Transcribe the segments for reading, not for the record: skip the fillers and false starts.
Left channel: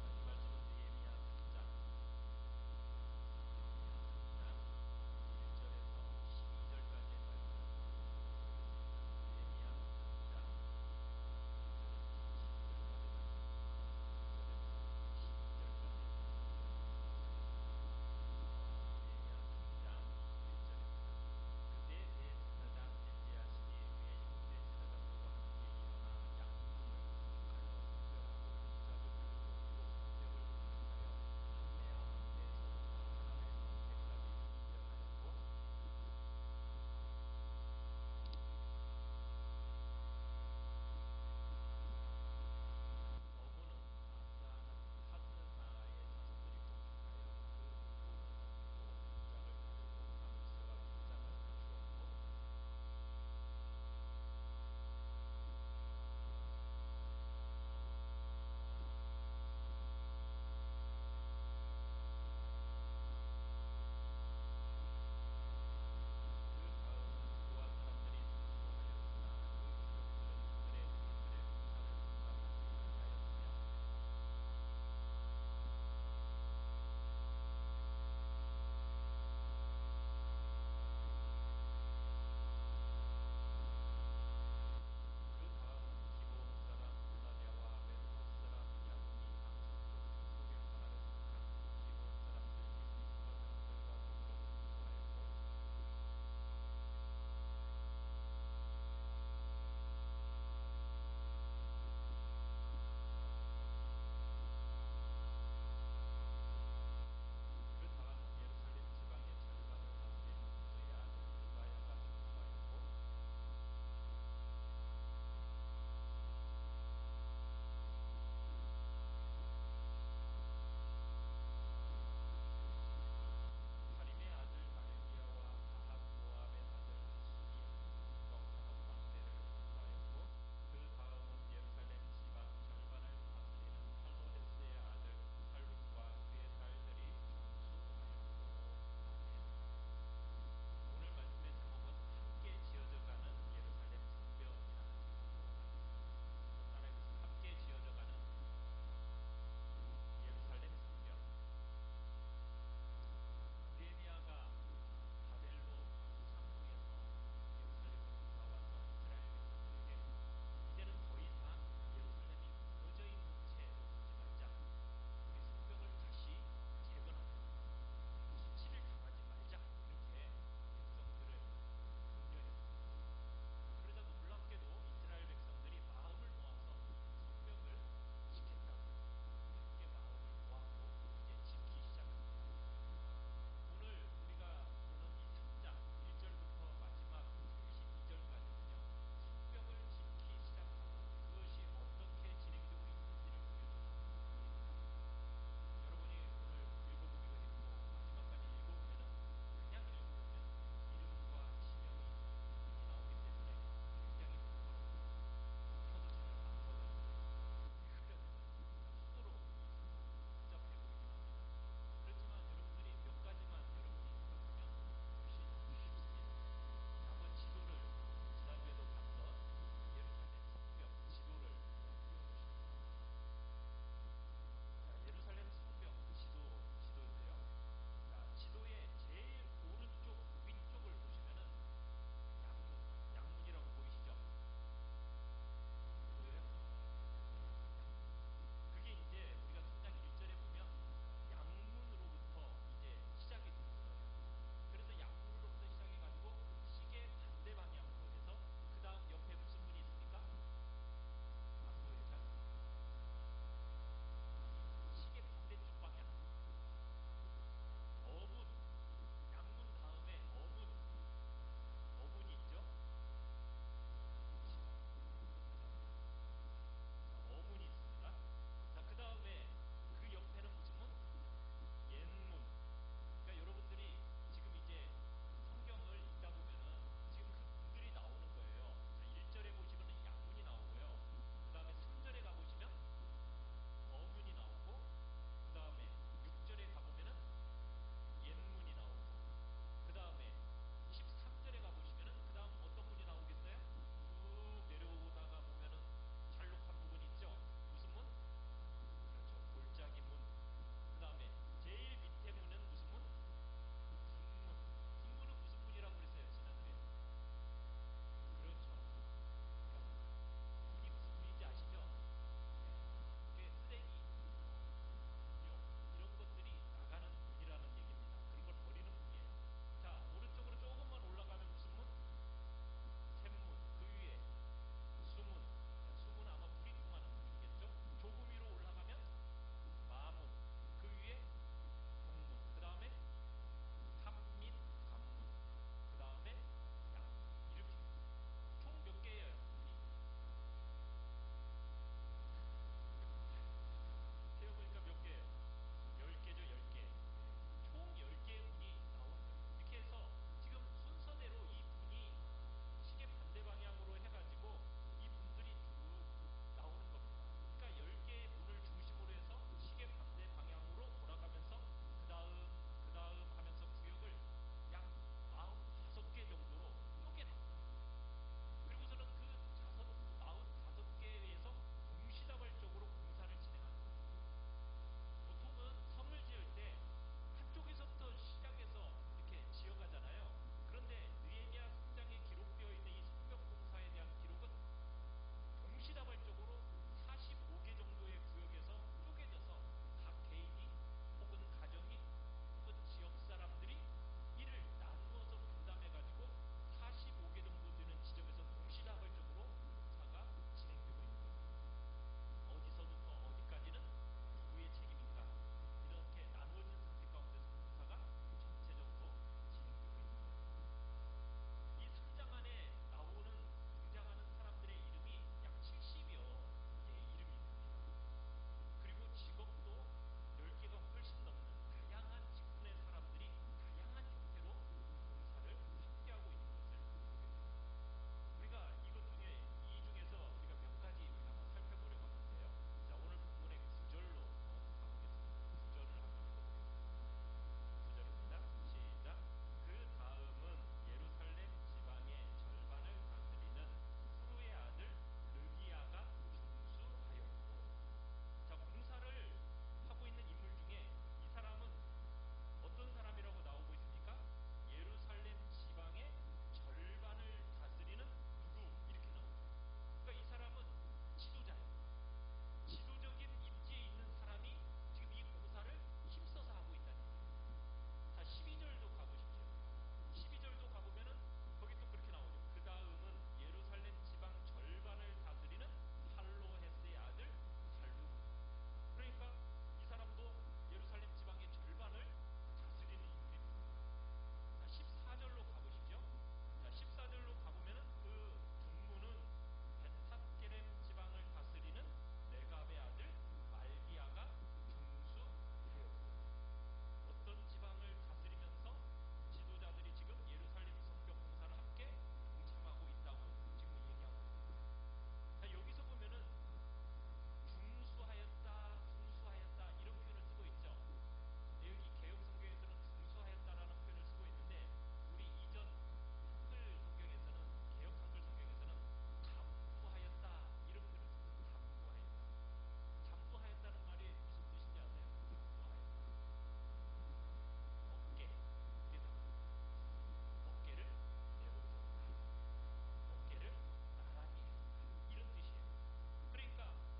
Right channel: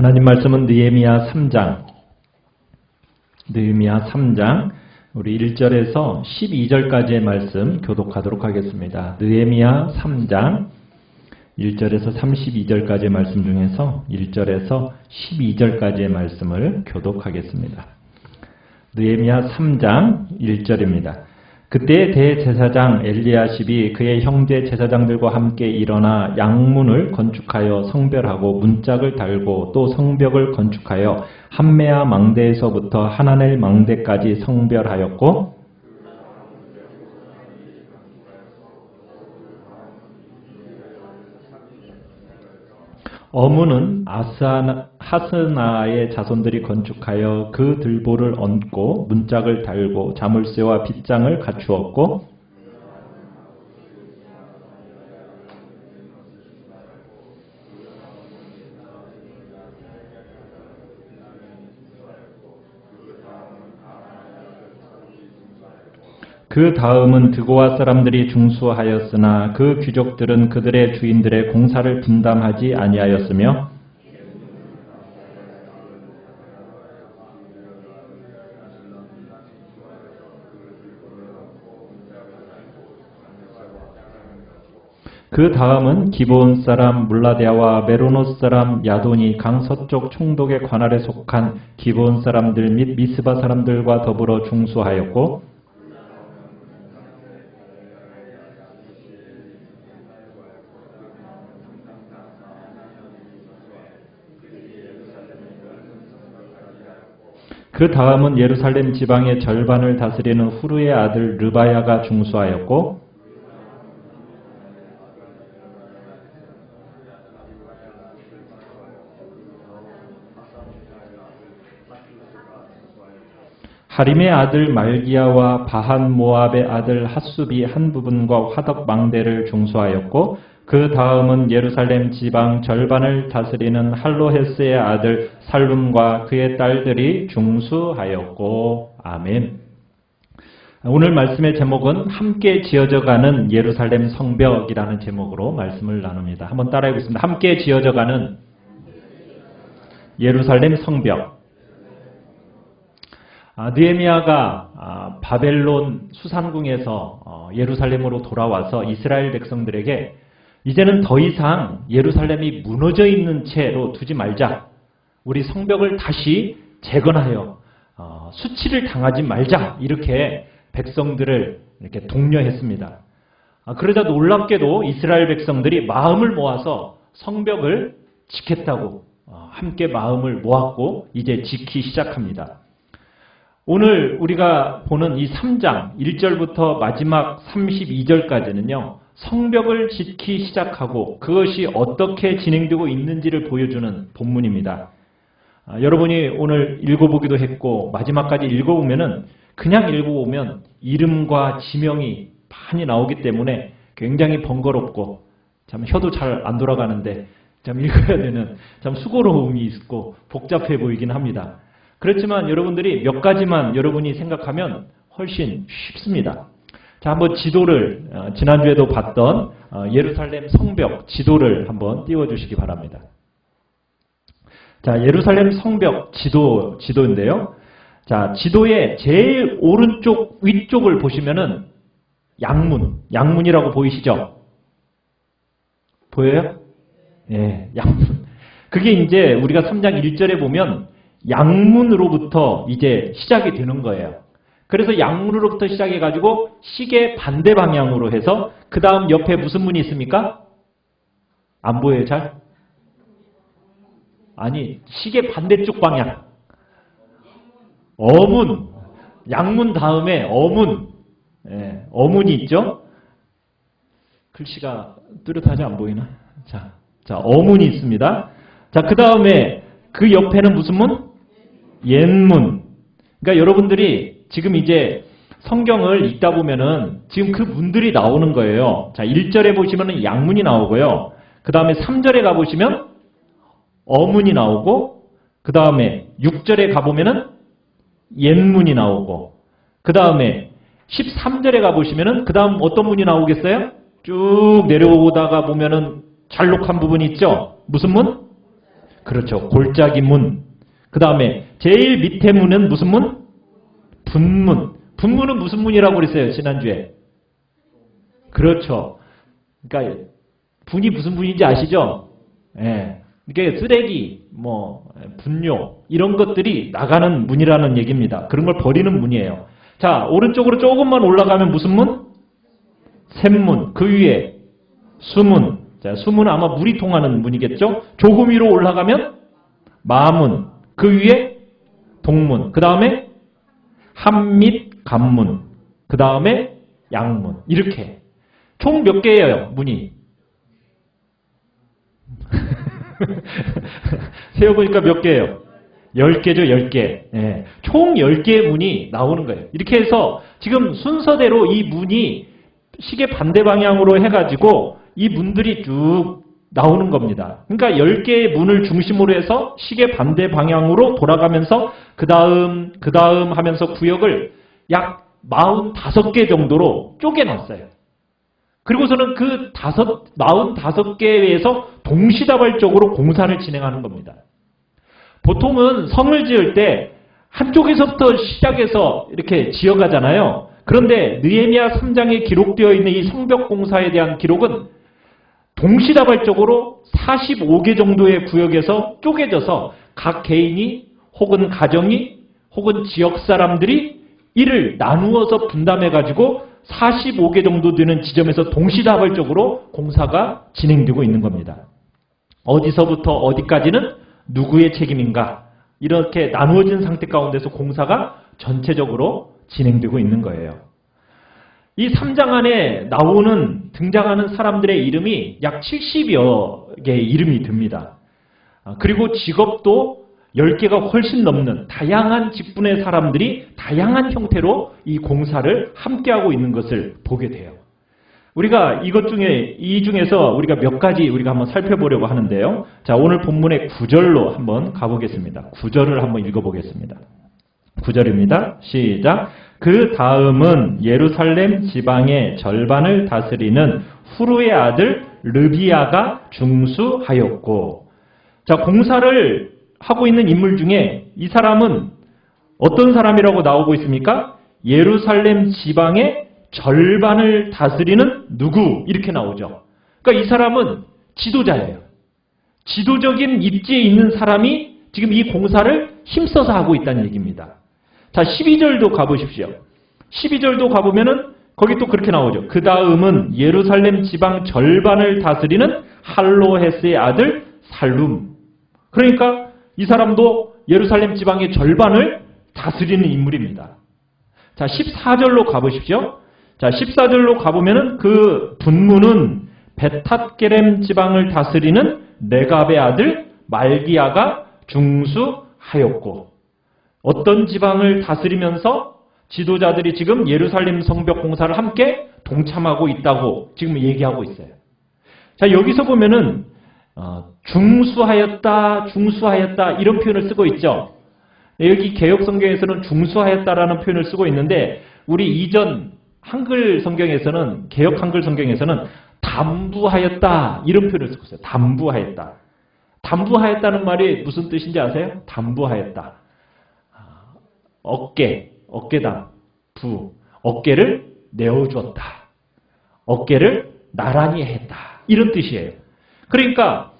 하나님 말씀은 느헤미야 3장, 우리 1절에서 12절까지의 말씀 교독하도록 하겠습니다. 느헤미야 3장 1절에서 32절까지의 말씀 중에서 1절에서 12절까지의 말씀을 교독하겠습니다. 느헤미야 3장 1절입니다. 그때 대제사장 엘리야십이 그의 형제 제사장들과 함께 일어나 양문을 건축하여 성별하고 문짝을 달고 또 성벽을 건축하여 함메아 망대에서부터 하나넬 망대까지 성별하였고 어문은 하스나의 자손들이 건축하여 그 들보를 얹고 문짝을 달고 자물쇠와 빗장을 갖추었고 그 다음은 드고아 사람들이 중수하였으나 그 귀족들은 그들의 주인들의 공사를 분담하지 아니하였으며 그 다음은 기브온 사람 물라데아와 메로노스 사람 야돈이 강서쪽 총독의 관할에 속한 기브온 사람들 및 미스바 사람들과 더불어 중수하였고 그 다음은 예루살렘 지방의 절반을 다스리는 후르의 아들 르바야가 중수하였고 하림의 아들 말기야와 바한 모압의 아들 핫수비 한 부분과 화덕 망대를 중수하였고 그 다음은 예루살렘 지방 절반을 다스리는 할로헤스의 아들 살룸과 그의 딸들이 중수하였고 아멘. 오늘 말씀의 제목은 함께 지어져가는 예루살렘 성벽이라는 제목으로 말씀을 나눕니다. 한번 따라해 보겠습니다. 함께 지어져가는 예루살렘 성벽. 느헤미야가 바벨론 수산궁에서 예루살렘으로 돌아와서 이스라엘 백성들에게 이제는 더 이상 예루살렘이 무너져 있는 채로 두지 말자. 우리 성벽을 다시 재건하여 수치를 당하지 말자. 이렇게 백성들을 이렇게 독려했습니다. 그러자 놀랍게도 이스라엘 백성들이 마음을 모아서 성벽을 지켰다고 함께 마음을 모았고 이제 지키기 시작합니다. 오늘 우리가 보는 이 3장 1절부터 마지막 32절까지는요. 성벽을 짓기 시작하고 그것이 어떻게 진행되고 있는지를 보여주는 본문입니다. 여러분이 오늘 읽어보기도 했고 마지막까지 읽어보면은 그냥 읽어보면 이름과 지명이 많이 나오기 때문에 굉장히 번거롭고 참 혀도 잘 안 돌아가는데 참 읽어야 되는 참 수고로움이 있고 복잡해 보이긴 합니다. 그렇지만 여러분들이 몇 가지만 여러분이 생각하면 훨씬 쉽습니다. 자, 한번 지도를 지난주에도 봤던 예루살렘 성벽 지도를 한번 띄워주시기 바랍니다. 자, 예루살렘 성벽 지도인데요. 자, 지도의 제일 오른쪽 위쪽을 보시면은 양문이라고 보이시죠? 보여요? 예, 양문. 그게 이제 우리가 3장 1절에 보면 양문으로부터 이제 시작이 되는 거예요. 그래서 양문으로부터 시작해가지고 시계 반대 방향으로 해서 그 다음 옆에 무슨 문이 있습니까? 안 보여요 잘? 아니 시계 반대쪽 방향 어문 양문 다음에 어문 어문이 있죠? 글씨가 뚜렷하지 안 보이나? 자 어문이 있습니다. 자 그 다음에 그 옆에는 무슨 문? 옛문. 그러니까 여러분들이 지금 이제 성경을 읽다 보면은 지금 그 문들이 나오는 거예요. 자, 1절에 보시면은 양문이 나오고요. 그 다음에 3절에 가보시면 어문이 나오고, 그 다음에 6절에 가보면은 옛문이 나오고, 그 다음에 13절에 가보시면은 그 다음 어떤 문이 나오겠어요? 쭉 내려오다가 보면은 잘록한 부분이 있죠? 무슨 문? 그렇죠. 골짜기 문. 그 다음에 제일 밑에 문은 무슨 문? 분문. 분문은 무슨 문이라고 그랬어요, 지난주에? 그렇죠. 그러니까 분이 무슨 분인지 아시죠? 예. 이게 쓰레기, 분뇨 이런 것들이 나가는 문이라는 얘기입니다. 그런 걸 버리는 문이에요. 자, 오른쪽으로 조금만 올라가면 무슨 문? 샘문. 그 위에 수문. 자, 수문은 아마 물이 통하는 문이겠죠? 조금 위로 올라가면 마문. 그 위에 동문. 그 다음에 한밑 간문. 그 다음에 양문. 이렇게. 총 몇 개예요, 문이? 세어보니까 몇 개예요? 10개죠, 10개. 예. 총 10개의 문이 나오는 거예요. 이렇게 해서 지금 순서대로 이 문이 시계 반대 방향으로 해가지고 이 문들이 쭉 나오는 겁니다. 그러니까 10개의 문을 중심으로 해서 시계 반대 방향으로 돌아가면서 그 다음 하면서 구역을 약 45개 정도로 쪼개놨어요. 그리고서는 그 45개에서 동시다발적으로 공사를 진행하는 겁니다. 보통은 성을 지을 때 한쪽에서부터 시작해서 이렇게 지어가잖아요. 그런데 느헤미야 3장에 기록되어 있는 이 성벽 공사에 대한 기록은 동시다발적으로 45개 정도의 구역에서 쪼개져서 각 개인이 혹은 가정이 혹은 지역 사람들이 이를 나누어서 분담해가지고 45개 정도 되는 지점에서 동시다발적으로 공사가 진행되고 있는 겁니다. 어디서부터 어디까지는 누구의 책임인가 이렇게 나누어진 상태 가운데서 공사가 전체적으로 진행되고 있는 거예요. 이 3장 안에 등장하는 사람들의 이름이 약 70여 개의 이름이 듭니다. 그리고 직업도 10개가 훨씬 넘는 다양한 직분의 사람들이 다양한 형태로 이 공사를 함께하고 있는 것을 보게 돼요. 우리가 이 중에서 우리가 몇 가지 우리가 한번 살펴보려고 하는데요. 자, 오늘 본문의 9절로 한번 가보겠습니다. 9절을 한번 읽어보겠습니다. 9절입니다. 시작. 그 다음은 예루살렘 지방의 절반을 다스리는 후루의 아들 르비아가 중수하였고, 자, 공사를 하고 있는 인물 중에 이 사람은 어떤 사람이라고 나오고 있습니까? 예루살렘 지방의 절반을 다스리는 누구? 이렇게 나오죠. 그러니까 이 사람은 지도자예요. 지도적인 입지에 있는 사람이 지금 이 공사를 힘써서 하고 있다는 얘기입니다. 자, 12절도 가보십시오. 12절도 가보면은 거기 또 그렇게 나오죠. 그 다음은 예루살렘 지방 절반을 다스리는 할로헤스의 아들 살룸. 그러니까 이 사람도 예루살렘 지방의 절반을 다스리는 인물입니다. 자, 14절로 가보십시오. 자, 14절로 가보면은 그 분문은 베탓게렘 지방을 다스리는 레갑의 아들 말기야가 중수하였고, 어떤 지방을 다스리면서 지도자들이 지금 예루살렘 성벽 공사를 함께 동참하고 있다고 지금 얘기하고 있어요. 자, 여기서 보면은 중수하였다 이런 표현을 쓰고 있죠. 여기 개역 성경에서는 중수하였다라는 표현을 쓰고 있는데, 우리 이전 한글 성경에서는, 개역 한글 성경에서는 담부하였다 이런 표현을 쓰고 있어요. 담부하였다. 담부하였다는 말이 무슨 뜻인지 아세요? 담부하였다. 어깨당, 어깨를 내어주었다. 어깨를 나란히 했다. 이런 뜻이에요. 그러니까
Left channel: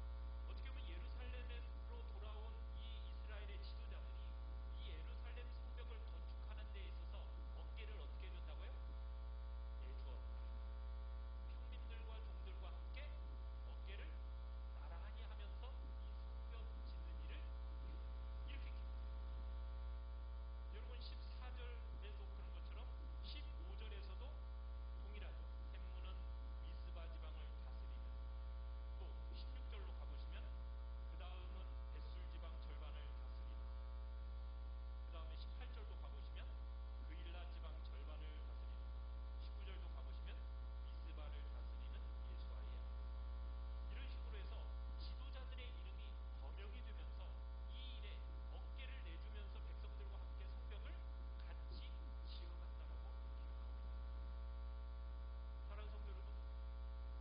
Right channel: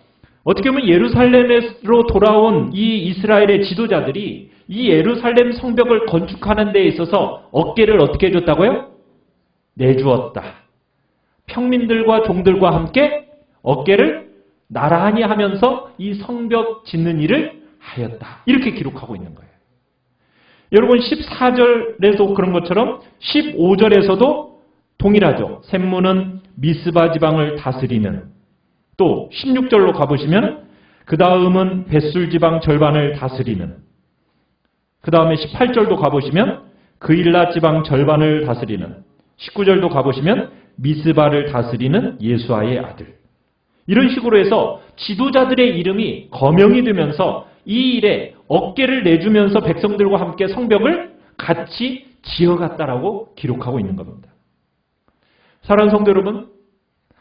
어떻게 보면 예루살렘으로 돌아온 이 이스라엘의 지도자들이 이 예루살렘 성벽을 건축하는 데 있어서 어깨를 어떻게 해줬다고요? 내주었다. 평민들과 종들과 함께 어깨를 나란히 하면서 이 성벽 짓는 일을 하였다. 이렇게 기록하고 있는 거예요. 여러분 14절에도 그런 것처럼 15절에서도 동일하죠. 샘문은 미스바 지방을 다스리는, 또 16절로 가보시면 그 다음은 벳술 지방 절반을 다스리는, 그 다음에 18절도 가보시면 그일라 지방 절반을 다스리는, 19절도 가보시면 미스바를 다스리는 예수아의 아들. 이런 식으로 해서 지도자들의 이름이 거명이 되면서 이 일에 어깨를 내주면서 백성들과 함께 성벽을 같이 지어갔다라고 기록하고 있는 겁니다. 사랑하는 성도 여러분,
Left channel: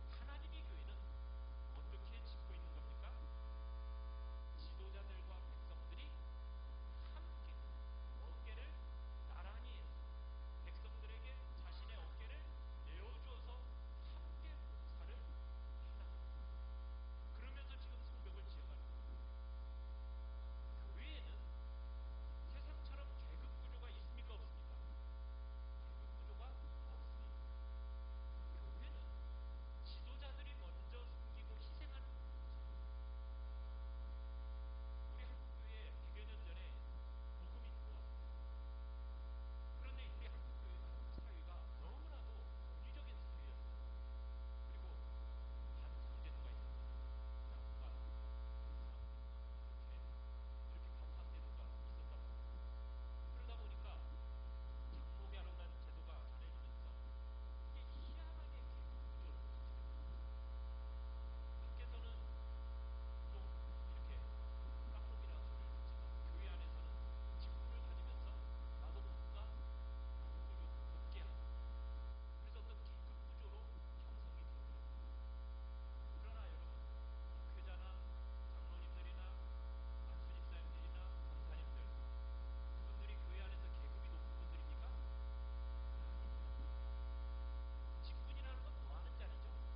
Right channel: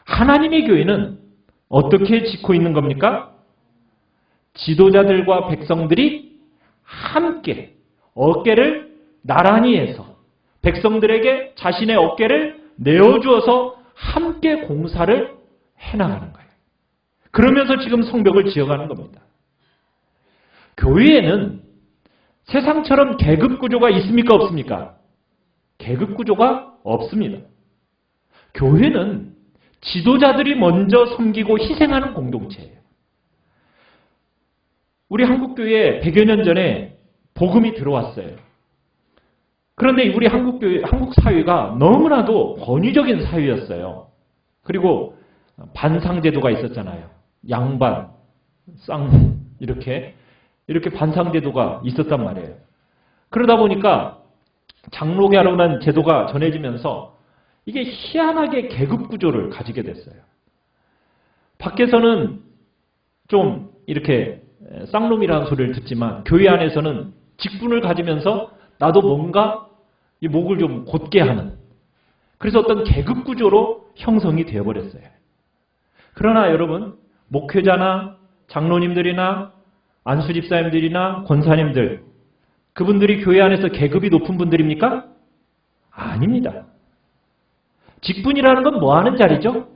하나님의 교회는 어떻게 짓고 있는 겁니까? 지도자들과 백성들이 함께 어깨를 나란히 해서 백성들에게 자신의 어깨를 내어주어서 함께 공사를 해나가는 거예요. 그러면서 지금 성벽을 지어가는 겁니다. 교회에는 세상처럼 계급구조가 있습니까? 없습니까? 계급구조가 없습니다. 교회는 지도자들이 먼저 섬기고 희생하는 공동체예요. 우리 한국교회에 100여 년 전에 복음이 들어왔어요. 그런데 우리 한국 사회가 너무나도 권위적인 사회였어요. 그리고 반상제도가 있었잖아요. 양반, 쌍 이렇게 반상제도가 있었단 말이에요. 그러다 보니까 장로교라는 제도가 전해지면서 이게 희한하게 계급 구조를 가지게 됐어요. 밖에서는 좀 이렇게 쌍놈이라는 소리를 듣지만 교회 안에서는 직분을 가지면서 나도 뭔가 이 목을 좀 곧게 하는, 그래서 어떤 계급 구조로 형성이 되어버렸어요. 그러나 여러분, 목회자나 장로님들이나 안수집사님들이나 권사님들, 그분들이 교회 안에서 계급이 높은 분들입니까? 아닙니다. 직분이라는 건 뭐 하는 자리죠?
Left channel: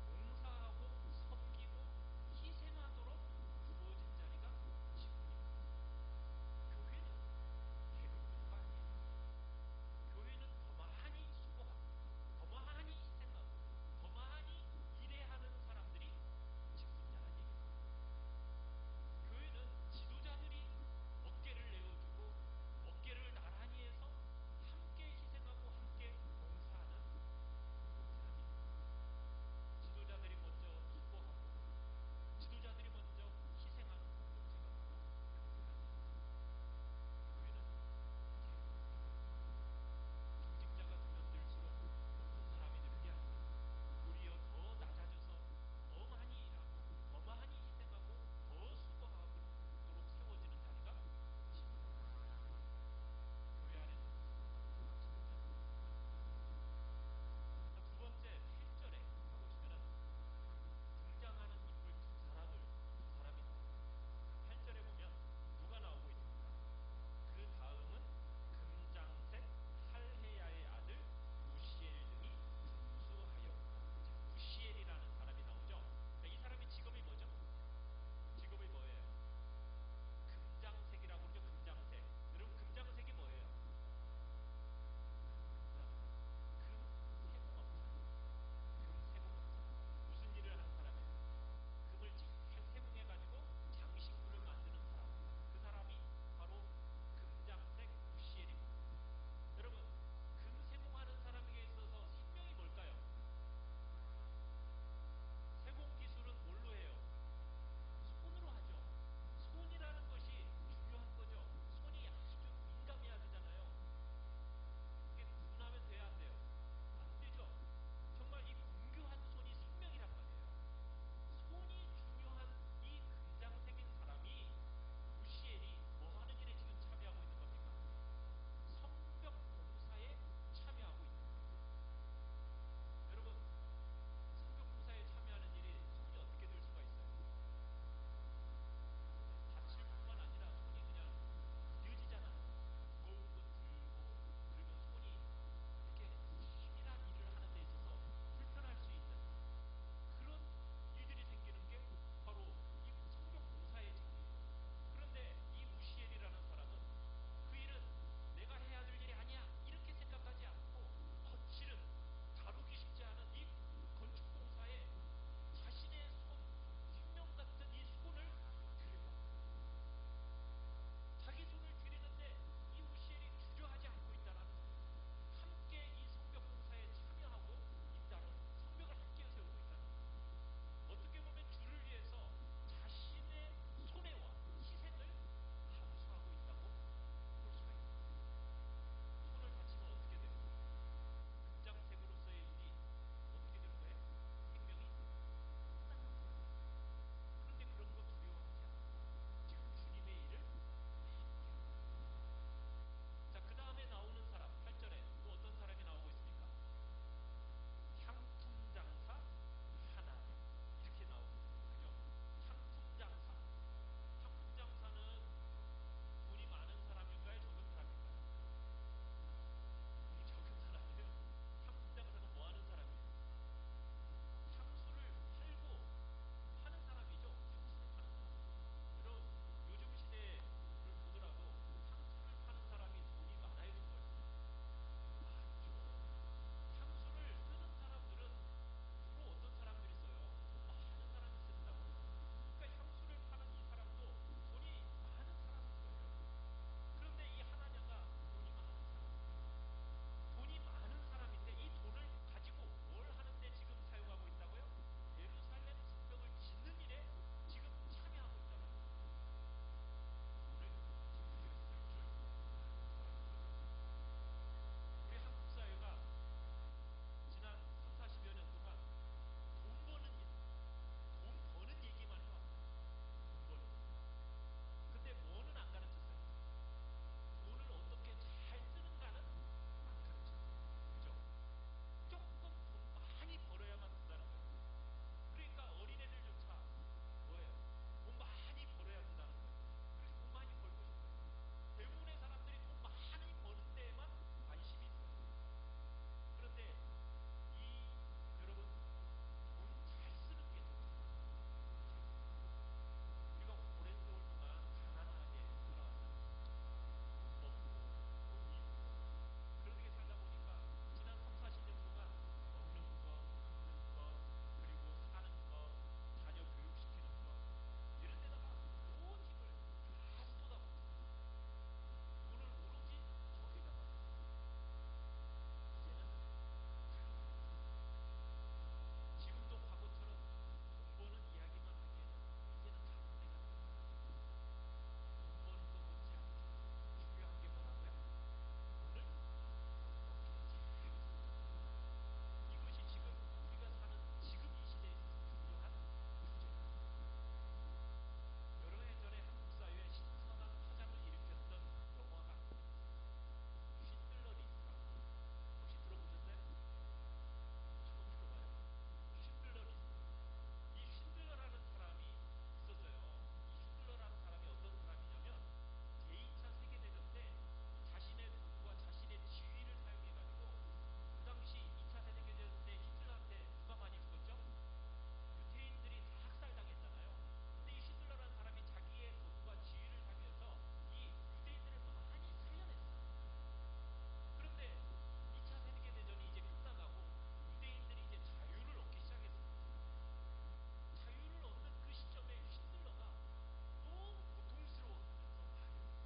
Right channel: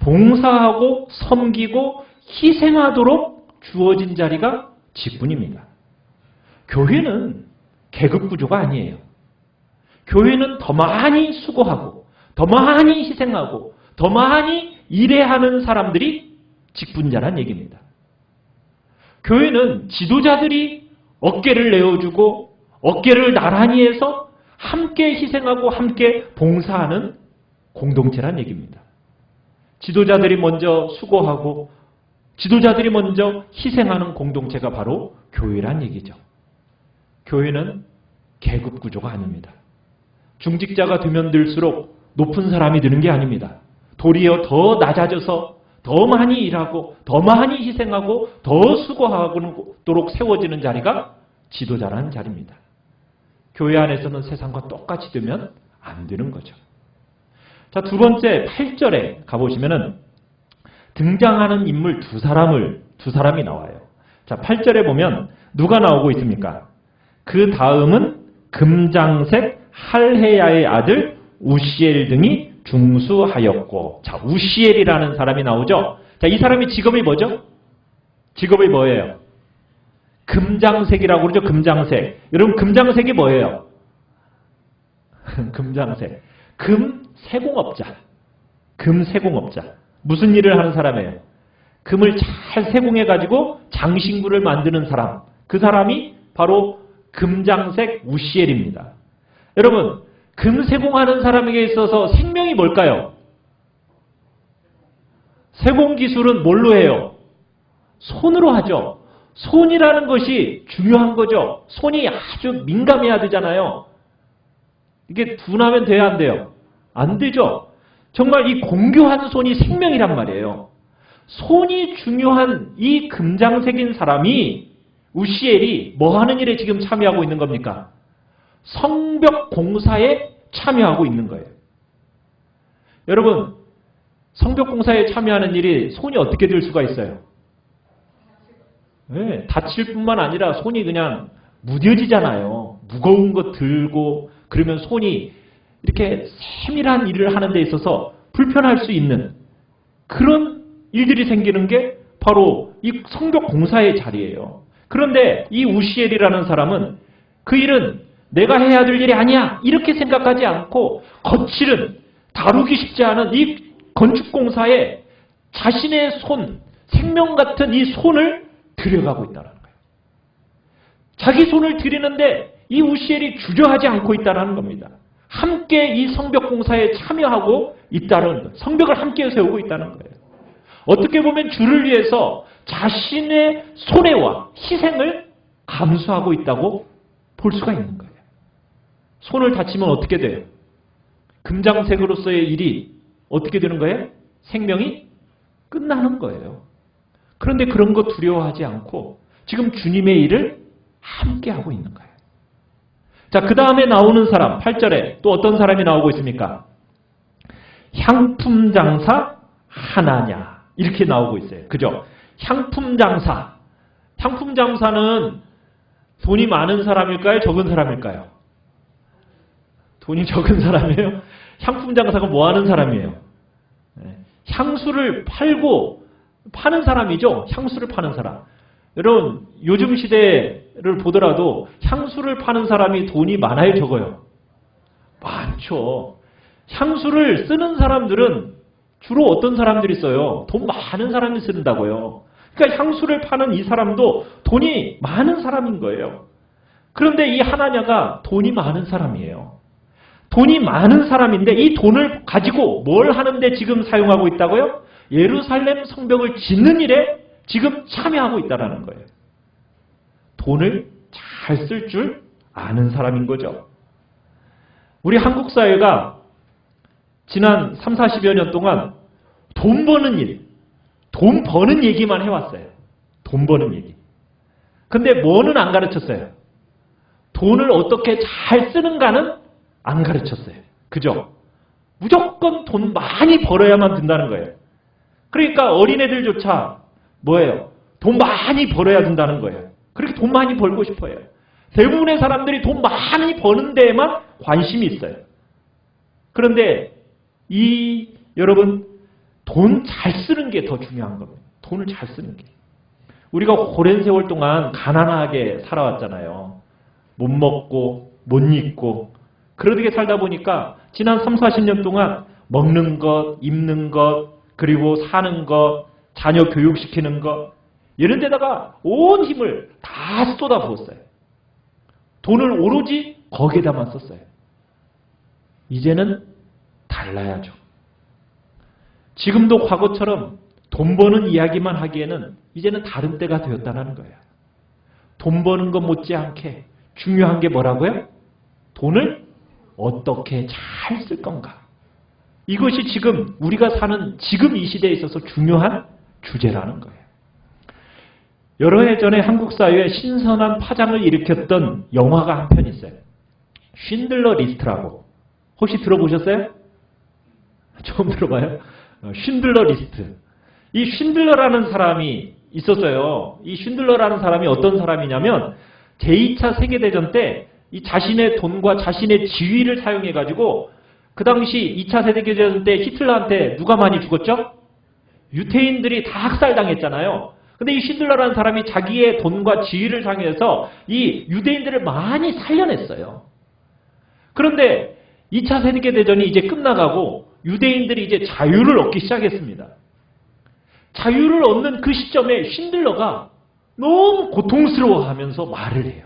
봉사하고 섬기고 희생하도록 주어진 자리가 직분입니다. 교회는 계급 구조가 아니에요. 교회는 더 많이 수고하고 더 많이 희생하고 더 많이 일해하는 사람들이 직분자란 얘기입니다. 교회는 지도자들이 어깨를 내어주고 어깨를 나란히 해서 함께 희생하고 함께 봉사하는 공동체란 얘기입니다. 지도자들이 먼저 수고하고 지도자들이 먼저 희생하는 공동체가 바로 교회란 얘기죠. 교회는 계급 구조가 아닙니다. 중직자가 되면 들수록 높은 사람이 되는 게 아닙니다. 도리어 더 낮아져서 더 많이 일하고 더 많이 희생하고 더 수고하도록 세워지는 자리가 지도자라는 자리입니다. 교회 안에서는 세상과 똑같이 되면 안 되는 거죠. 자, 두 번째 8절에 가보시면은 등장하는 인물 두 사람이 나와요. 자, 8절에 보면 누가 나오고 있습니까? 그 다음은 금장색 할헤야의 아들 우시엘 등이 중수하였고, 자, 우시엘이라는 사람이 나오죠. 자, 이 사람이 직업이 뭐죠? 직업이 뭐예요? 금장색이라고 그러죠. 금장색. 여러분, 금장색이 뭐예요? 금장색. 금세공업자. 금세공업자. 무슨 일을 하는 사람이에요? 금을 잘 세공해가지고 장신구를 만드는 사람. 그 사람이 바로 금장색 우시엘입니다. 여러분, 금세공하는 사람에게 있어서 생명이 뭘까요? 세공기술은 뭘로 해요? 손으로 하죠. 손이라는 것이 중요한 거죠. 손이 아주 민감해야 되잖아요. 이게 둔하면 돼야 안 돼요? 안 되죠. 정말 이 공교한 손이 생명이란 말이에요. 손이 중요한 이 금장색인 사람이 우시엘이 뭐 하는 일에 지금 참여하고 있는 겁니까? 성벽 공사에 참여하고 있는 거예요. 여러분, 성벽 공사에 참여하는 일이 손이 어떻게 될 수가 있어요? 네, 다칠 뿐만 아니라 손이 그냥 무뎌지잖아요. 무거운 거 들고 그러면 손이 이렇게 세밀한 일을 하는 데 있어서 불편할 수 있는 그런 일들이 생기는 게 바로 이 성벽 공사의 자리예요. 그런데 이 우시엘이라는 사람은 그 일은 내가 해야 될 일이 아니야 이렇게 생각하지 않고 거칠은 다루기 쉽지 않은 이 건축공사에 자신의 손, 생명 같은 이 손을 들여가고 있다는 거예요. 자기 손을 들이는데 이 우시엘이 주저하지 않고 있다는 겁니다. 함께 이 성벽공사에 참여하고 있다는 거예요. 성벽을 함께 세우고 있다는 거예요. 어떻게 보면 주를 위해서 자신의 손해와 희생을 감수하고 있다고 볼 수가 있는 거예요. 손을 다치면 어떻게 돼요? 금장색으로서의 일이 어떻게 되는 거예요? 생명이 끝나는 거예요. 그런데 그런 거 두려워하지 않고 지금 주님의 일을 함께 하고 있는 거예요. 자, 그 다음에 나오는 사람, 8절에 또 어떤 사람이 나오고 있습니까? 향품장사 하나냐 이렇게 나오고 있어요. 그죠? 향품장사. 상품 장사는 돈이 많은 사람일까요? 적은 사람일까요? 돈이 적은 사람이에요? 상품 장사가 뭐 하는 사람이에요? 향수를 파는 사람이죠. 향수를 파는 사람. 여러분 요즘 시대를 보더라도 향수를 파는 사람이 돈이 많아요? 적어요? 많죠. 향수를 쓰는 사람들은 주로 어떤 사람들이 써요? 돈 많은 사람이 쓴다고요. 그러니까 향수를 파는 이 사람도 돈이 많은 사람인 거예요. 그런데 이 하나냐가 돈이 많은 사람이에요. 돈이 많은 사람인데 이 돈을 가지고 뭘 하는데 지금 사용하고 있다고요? 예루살렘 성벽을 짓는 일에 지금 참여하고 있다는 거예요. 돈을 잘 쓸 줄 아는 사람인 거죠. 우리 한국 사회가 지난 3, 40여 년 동안 돈 버는 일, 돈 버는 얘기만 해왔어요. 돈 버는 얘기. 근데 뭐는 안 가르쳤어요? 돈을 어떻게 잘 쓰는가는 안 가르쳤어요. 그죠? 무조건 돈 많이 벌어야만 된다는 거예요. 그러니까 어린애들조차 뭐예요? 돈 많이 벌어야 된다는 거예요. 그렇게 돈 많이 벌고 싶어요. 대부분의 사람들이 돈 많이 버는 데에만 관심이 있어요. 그런데 여러분 돈 잘 쓰는 게 더 중요한 겁니다. 돈을 잘 쓰는 게. 우리가 오랜 세월 동안 가난하게 살아왔잖아요. 못 먹고 못 입고 그러게 살다 보니까 지난 3, 40년 동안 먹는 것, 입는 것, 그리고 사는 것, 자녀 교육시키는 것 이런 데다가 온 힘을 다 쏟아부었어요. 돈을 오로지 거기에다만 썼어요. 이제는 달라야죠. 지금도 과거처럼 돈 버는 이야기만 하기에는 이제는 다른 때가 되었다는 거예요. 돈 버는 것 못지않게 중요한 게 뭐라고요? 돈을 어떻게 잘 쓸 건가. 이것이 지금 우리가 사는 지금 이 시대에 있어서 중요한 주제라는 거예요. 여러 해 전에 한국 사회에 신선한 파장을 일으켰던 영화가 한 편 있어요. 쉰들러 리스트라고. 혹시 들어보셨어요? 처음 들어봐요? 쉰들러 리스트. 이 쉰들러라는 사람이 있었어요. 이 쉰들러라는 사람이 어떤 사람이냐면 제2차 세계대전 때 이 자신의 돈과 자신의 지위를 사용해가지고 그 당시 2차 세계대전 때 히틀러한테 누가 많이 죽었죠? 유태인들이 다 학살당했잖아요. 근데 이 쉰들러라는 사람이 자기의 돈과 지위를 사용해서 이 유대인들을 많이 살려냈어요. 그런데 2차 세계대전이 이제 끝나가고 유대인들이 이제 자유를 얻기 시작했습니다. 자유를 얻는 그 시점에 쉰들러가 너무 고통스러워하면서 말을 해요.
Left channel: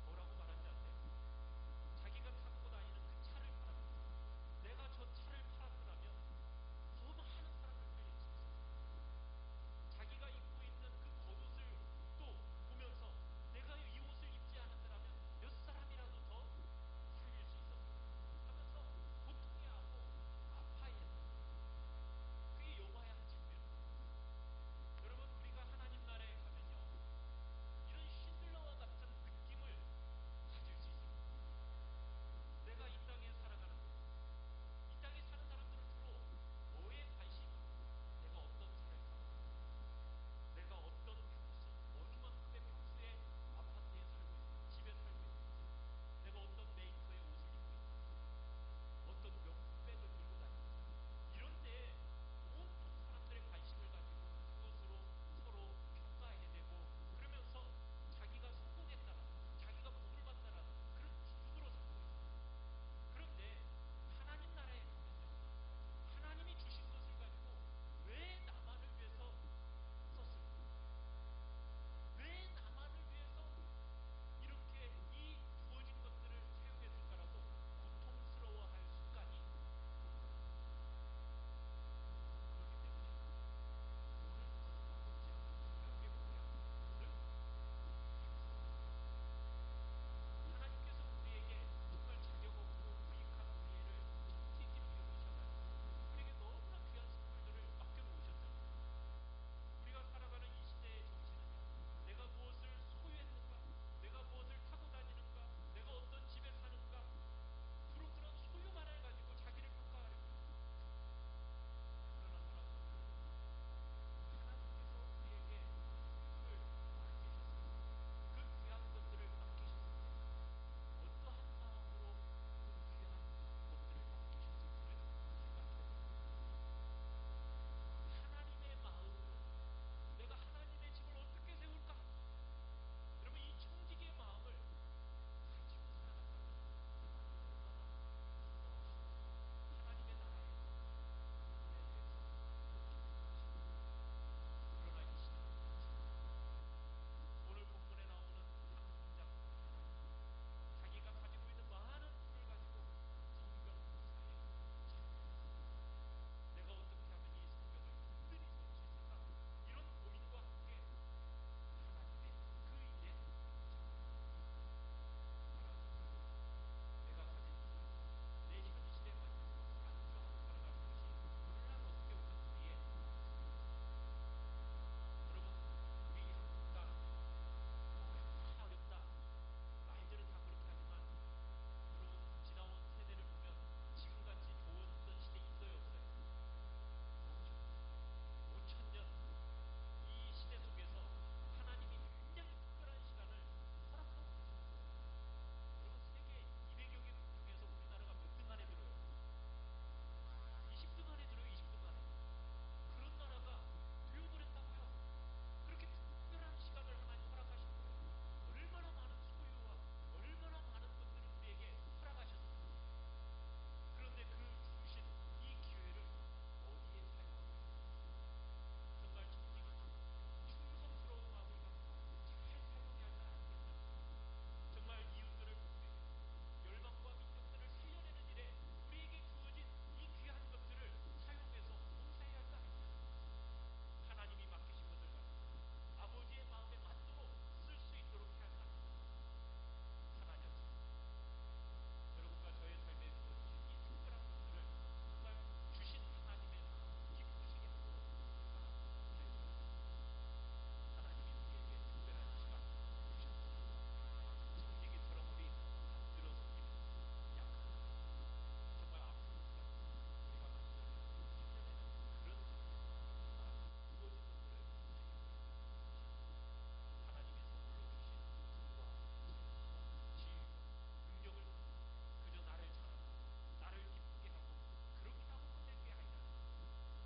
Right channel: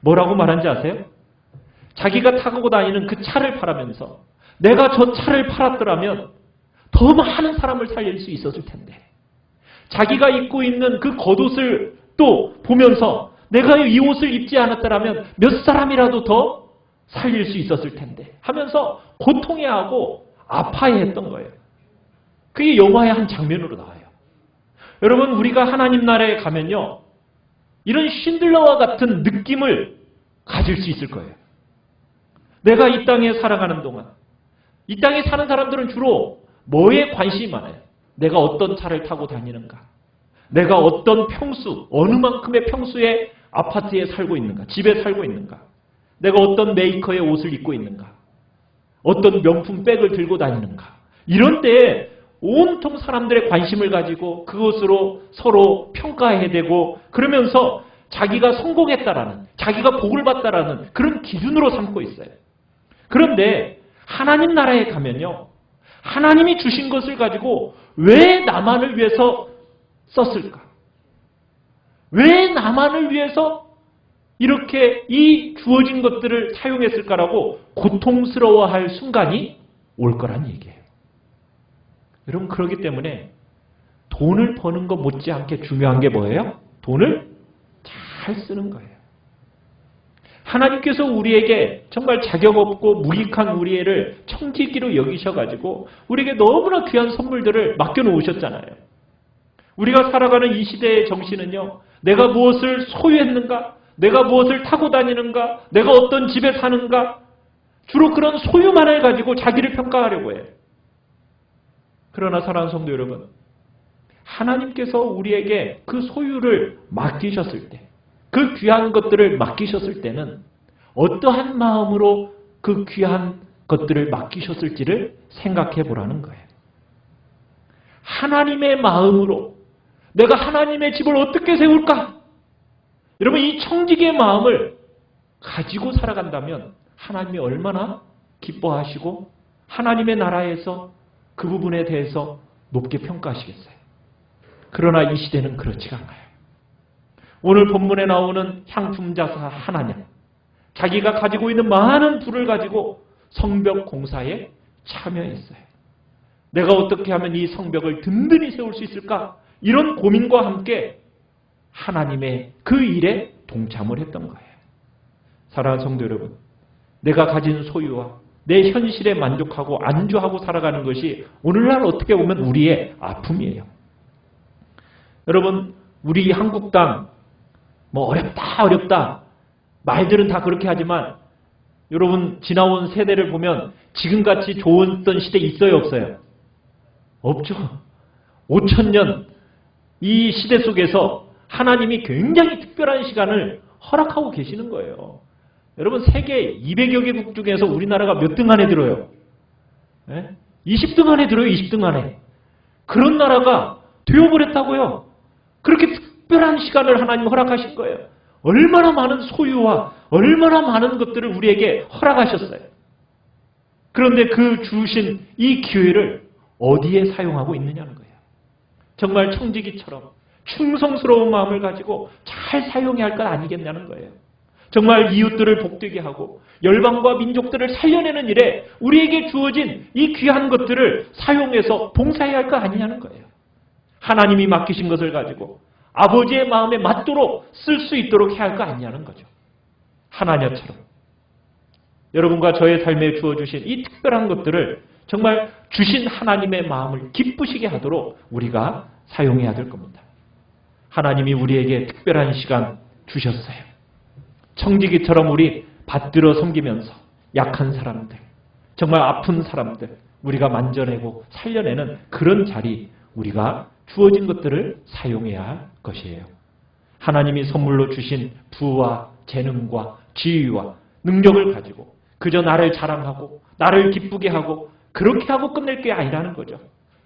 뭐라고 말한지 아세요? 자기가 타고 다니는 그 차를 팔으면서 내가 저 차를 팔았더라면 더 많은 사람을 살릴 수 있었을 텐데 자기가 입고 있는 그 겉옷을 또 보면서 내가 이 옷을 입지 않았더라면 몇 사람이라도 더 살릴 수 있었을 텐데 하면서 고통해하고 아파해했던 거예요. 그게 영화의 한 장면으로 나와요. 여러분 우리가 하나님 나라에 가면요. 이런 쉰들러와 같은 느낌을 가질 수 있을 거예요. 내가 이 땅에 살아가는 동안 이 땅에 사는 사람들은 주로 뭐에 관심이 많아요? 내가 어떤 차를 타고 다니는가? 내가 어떤 평수, 어느 만큼의 평수의 아파트에 살고 있는가? 집에 살고 있는가? 내가 어떤 메이커의 옷을 입고 있는가? 어떤 명품 백을 들고 다니는가? 이런 때에 온통 사람들의 관심을 가지고 그것으로 서로 평가해야 되고 그러면서 자기가 성공했다라는, 자기가 복을 받다라는 그런 기준으로 삼고 있어요. 그런데 하나님 나라에 가면요. 하나님이 주신 것을 가지고 왜 나만을 위해서 썼을까? 왜 나만을 위해서 이렇게 이 주어진 것들을 사용했을까라고 고통스러워할 순간이 올 거란 얘기예요. 여러분 그렇기 때문에 돈을 버는 것 못지않게 중요한 게 뭐예요? 돈을 잘 쓰는 거예요. 하나님께서 우리에게 정말 자격 없고 무익한 우리를 청지기로 여기셔가지고 우리에게 너무나 귀한 선물들을 맡겨놓으셨잖아요. 우리가 살아가는 이 시대의 정신은요. 내가 무엇을 소유했는가? 내가 무엇을 타고 다니는가? 내가 어떤 집에 사는가? 주로 그런 소유만을 가지고 자기를 평가하려고 해요. 그러나 사랑하는 성도 여러분, 하나님께서 우리에게 그 소유를 맡기셨을 때, 그 귀한 것들을 맡기셨을 때는 어떠한 마음으로 그 귀한 것들을 맡기셨을지를 생각해 보라는 거예요. 하나님의 마음으로 내가 하나님의 집을 어떻게 세울까? 여러분, 이 청지기의 마음을 가지고 살아간다면 하나님이 얼마나 기뻐하시고 하나님의 나라에서 그 부분에 대해서 높게 평가하시겠어요. 그러나 이 시대는 그렇지가 않아요. 오늘 본문에 나오는 향품자사 하나냐, 자기가 가지고 있는 많은 부를 가지고 성벽 공사에 참여했어요. 내가 어떻게 하면 이 성벽을 든든히 세울 수 있을까? 이런 고민과 함께 하나님의 그 일에 동참을 했던 거예요. 사랑하는 성도 여러분, 내가 가진 소유와 내 현실에 만족하고 안주하고 살아가는 것이 오늘날 어떻게 보면 우리의 아픔이에요. 여러분, 우리 한국 땅 어렵다 말들은 다 그렇게 하지만 여러분, 지나온 세대를 보면 지금같이 좋았던 시대 있어요, 없어요? 없죠. 5,000년 이 시대 속에서 하나님이 굉장히 특별한 시간을 허락하고 계시는 거예요. 여러분, 세계 200여 개국 중에서 우리나라가 몇 등 안에 들어요? 20등 안에 들어요. 20등 안에. 그런 나라가 되어버렸다고요. 그렇게 특별한 시간을 하나님 허락하신 거예요. 얼마나 많은 소유와 얼마나 많은 것들을 우리에게 허락하셨어요. 그런데 그 주신 이 기회를 어디에 사용하고 있느냐는 거예요. 정말 청지기처럼 충성스러운 마음을 가지고 잘 사용해야 할 것 아니겠냐는 거예요. 정말 이웃들을 복되게 하고 열방과 민족들을 살려내는 일에 우리에게 주어진 이 귀한 것들을 사용해서 봉사해야 할 것 아니냐는 거예요. 하나님이 맡기신 것을 가지고 아버지의 마음에 맞도록 쓸 수 있도록 해야 할 거 아니냐는 거죠. 하나님처럼 여러분과 저의 삶에 주어주신 이 특별한 것들을 정말 주신 하나님의 마음을 기쁘시게 하도록 우리가 사용해야 될 겁니다. 하나님이 우리에게 특별한 시간 주셨어요. 청지기처럼 우리 받들어 섬기면서 약한 사람들, 정말 아픈 사람들 우리가 만져내고 살려내는 그런 자리, 우리가 주어진 것들을 사용해야 할 것이에요. 하나님이 선물로 주신 부와 재능과 지위와 능력을 가지고 그저 나를 자랑하고 나를 기쁘게 하고 그렇게 하고 끝낼 게 아니라는 거죠.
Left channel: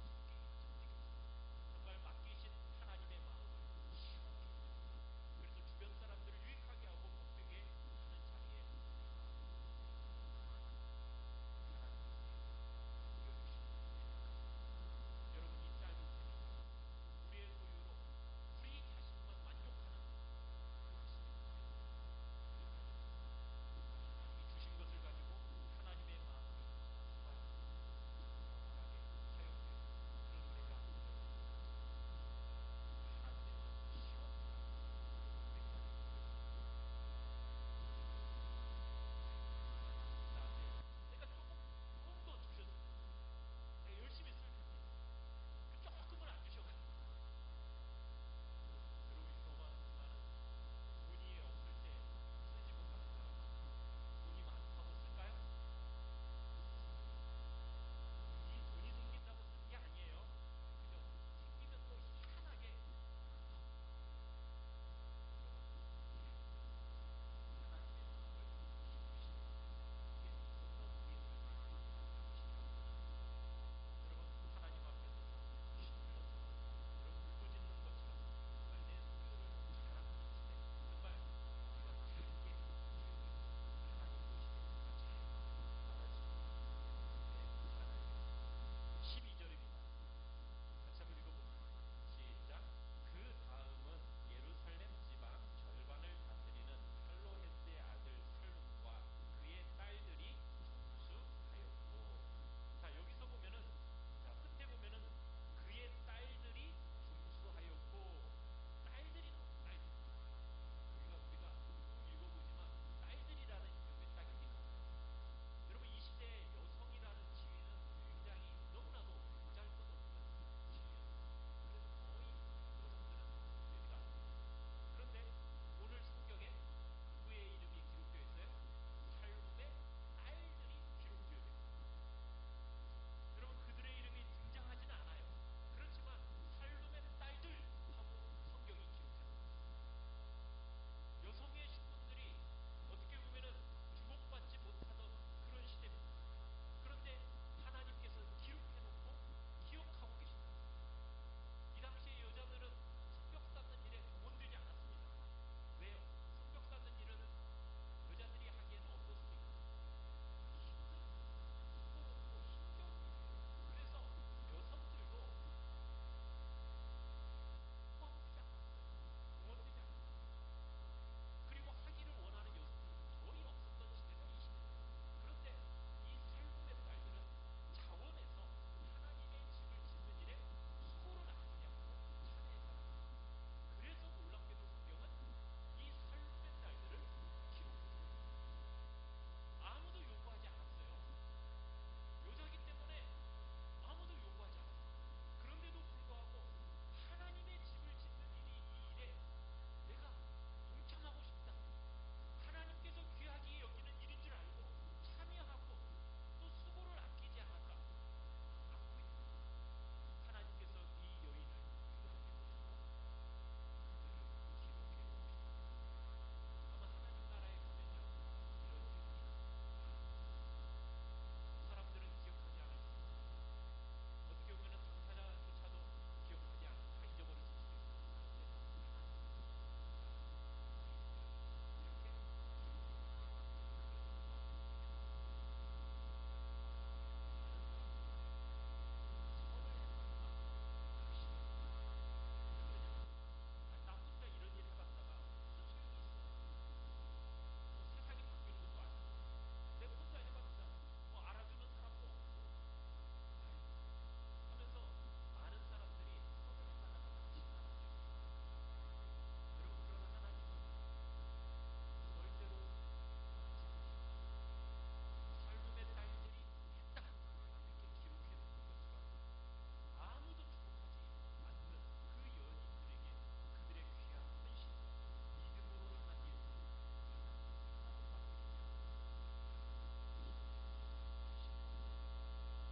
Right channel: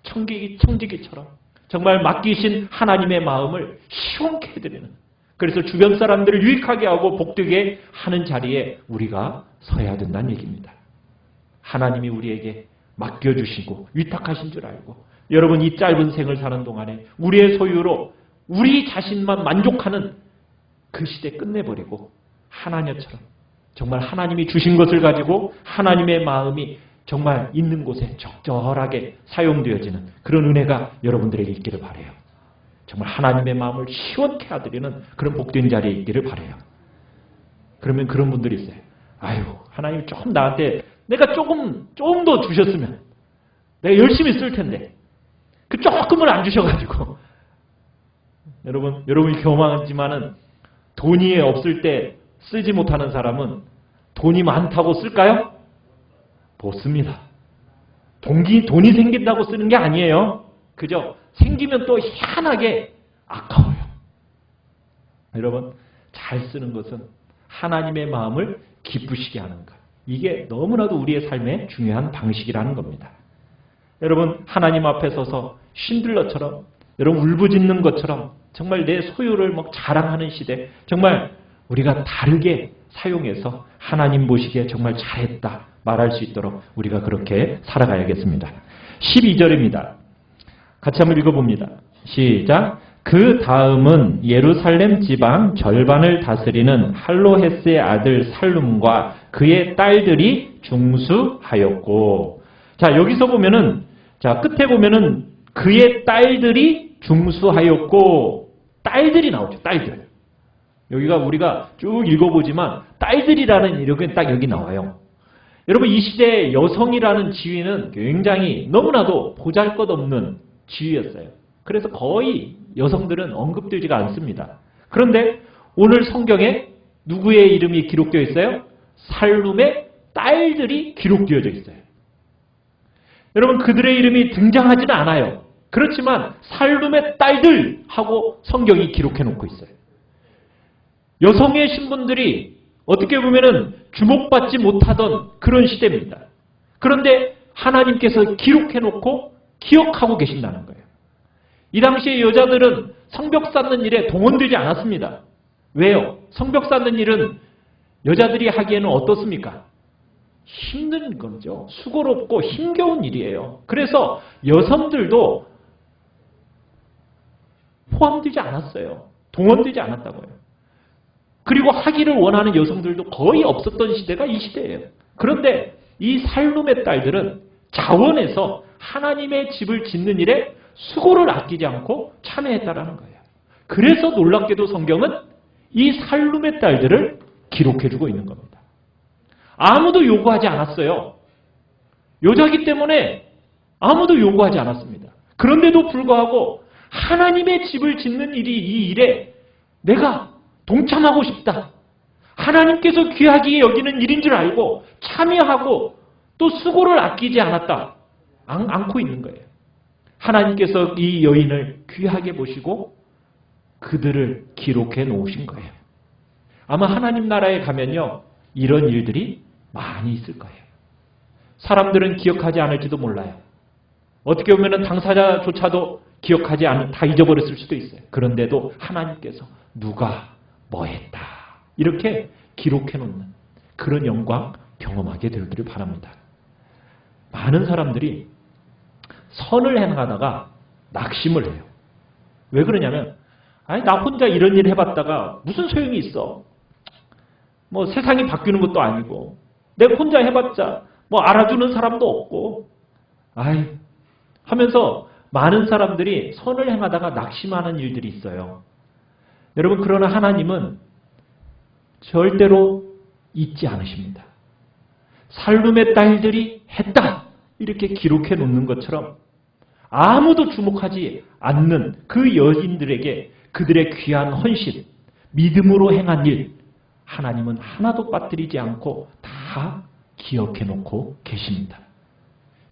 청지기처럼 정말 맡기신 하나님의 마음을 시원케 해드리는, 그래서 주변 사람들을 유익하게 하고 복되게 하는 자리에 우리가 서야 된다는 얘기입니다. 하나님이 우리에게 맡겨주시고 위탁하신 줄 알고, 여러분 이 짧은 생을 사는 동안에 우리의 소유로 우리 자신만 만족하는 그 시대 끝내버리고 하나님처럼 정말 하나님이 주신 것을 가지고 하나님의 마음이 정말 있는 곳에 적절하게 사용되어지는 그런 은혜가 여러분들에게 있기를 바라요. 정말 하나님의 마음을 시원케 하드리는 그런 복된 자리에 있기를 바라요. 그러면 그런 분들이 있어요. 아유, 하나님 조금 나한테 내가 조금 더 주셨으면 내가 열심히 쓸 텐데 그 조금을 안 주셔가지고 여러분이 경험하지만은 돈이 없을 때 쓰지 못하는 사람은 돈이 많다고 쓸까요? 못 씁니다. 돈이 생긴다고 쓰는 게 아니에요. 그죠? 생기면 또 희한하게 아까워요. 여러분, 잘 쓰는 것은 하나님의 마음을 기쁘시게 하는 것. 이게 너무나도 우리의 삶의 중요한 방식이라는 겁니다. 여러분, 하나님 앞에 서서 쉰들러처럼, 여러분 울부짖는 것처럼 정말 내 소유를 막 자랑하는 시대, 정말 우리가 다르게 사용해서 하나님 보시기에 정말 잘했다 말할 수 있도록 우리가 그렇게 살아가야겠습니다. 12절입니다. 같이 한번 읽어봅니다. 시작. 그 다음은 예루살렘 지방 절반을 다스리는 할로헤스의 아들 살룸과 그의 딸들이 중수하였고, 자 여기서 보면은, 자 끝에 보면은 그의 딸들이 중수하였고, 딸들이 나오죠. 딸들. 여기가 우리가 쭉 읽어보지만 딸들이라는 이력은 딱 여기 나와요. 여러분, 이 시대의 여성이라는 지위는 굉장히 너무나도 보잘것없는 지위였어요. 그래서 거의 여성들은 언급되지가 않습니다. 그런데 오늘 성경에 누구의 이름이 기록되어 있어요? 살룸의 딸들이 기록되어져 있어요. 여러분, 그들의 이름이 등장하지는 않아요. 그렇지만 살룸의 딸들 하고 성경이 기록해 놓고 있어요. 여성의 신분들이 어떻게 보면은 주목받지 못하던 그런 시대입니다. 그런데 하나님께서 기록해 놓고 기억하고 계신다는 거예요. 이 당시에 여자들은 성벽 쌓는 일에 동원되지 않았습니다. 왜요? 성벽 쌓는 일은 여자들이 하기에는 어떻습니까? 힘든 거죠. 수고롭고 힘겨운 일이에요. 그래서 여성들도 포함되지 않았어요. 동원되지 않았다고요. 그리고 하기를 원하는 여성들도 거의 없었던 시대가 이 시대예요. 그런데 이 살룸의 딸들은 자원해서 하나님의 집을 짓는 일에 수고를 아끼지 않고 참여했다라는 거예요. 그래서 놀랍게도 성경은 이 살룸의 딸들을 기록해주고 있는 겁니다. 아무도 요구하지 않았어요. 여자기 때문에 아무도 요구하지 않았습니다. 그런데도 불구하고 하나님의 집을 짓는 일이 이 일에 내가 동참하고 싶다. 하나님께서 귀하게 여기는 일인 줄 알고 참여하고 또 수고를 아끼지 않고 있는 거예요. 하나님께서 이 여인을 귀하게 보시고 그들을 기록해 놓으신 거예요. 아마 하나님 나라에 가면요, 이런 일들이 많이 있을 거예요. 사람들은 기억하지 않을지도 몰라요. 어떻게 보면 당사자조차도 기억하지 않은, 다 잊어버렸을 수도 있어요. 그런데도 하나님께서 누가 뭐 했다 이렇게 기록해 놓는 그런 영광 경험하게 되기를 바랍니다. 많은 사람들이 선을 행하다가 낙심을 해요. 왜 그러냐면, 아니 나 혼자 이런 일 해봤다가 무슨 소용이 있어. 뭐 세상이 바뀌는 것도 아니고 내가 혼자 해봤자 뭐 알아주는 사람도 없고 아이 하면서 많은 사람들이 선을 행하다가 낙심하는 일들이 있어요. 여러분, 그러나 하나님은 절대로 잊지 않으십니다. 살룸의 딸들이 했다 이렇게 기록해 놓는 것처럼 아무도 주목하지 않는 그 여인들에게 그들의 귀한 헌신, 믿음으로 행한 일, 하나님은 하나도 빠뜨리지 않고 다 기억해 놓고 계십니다.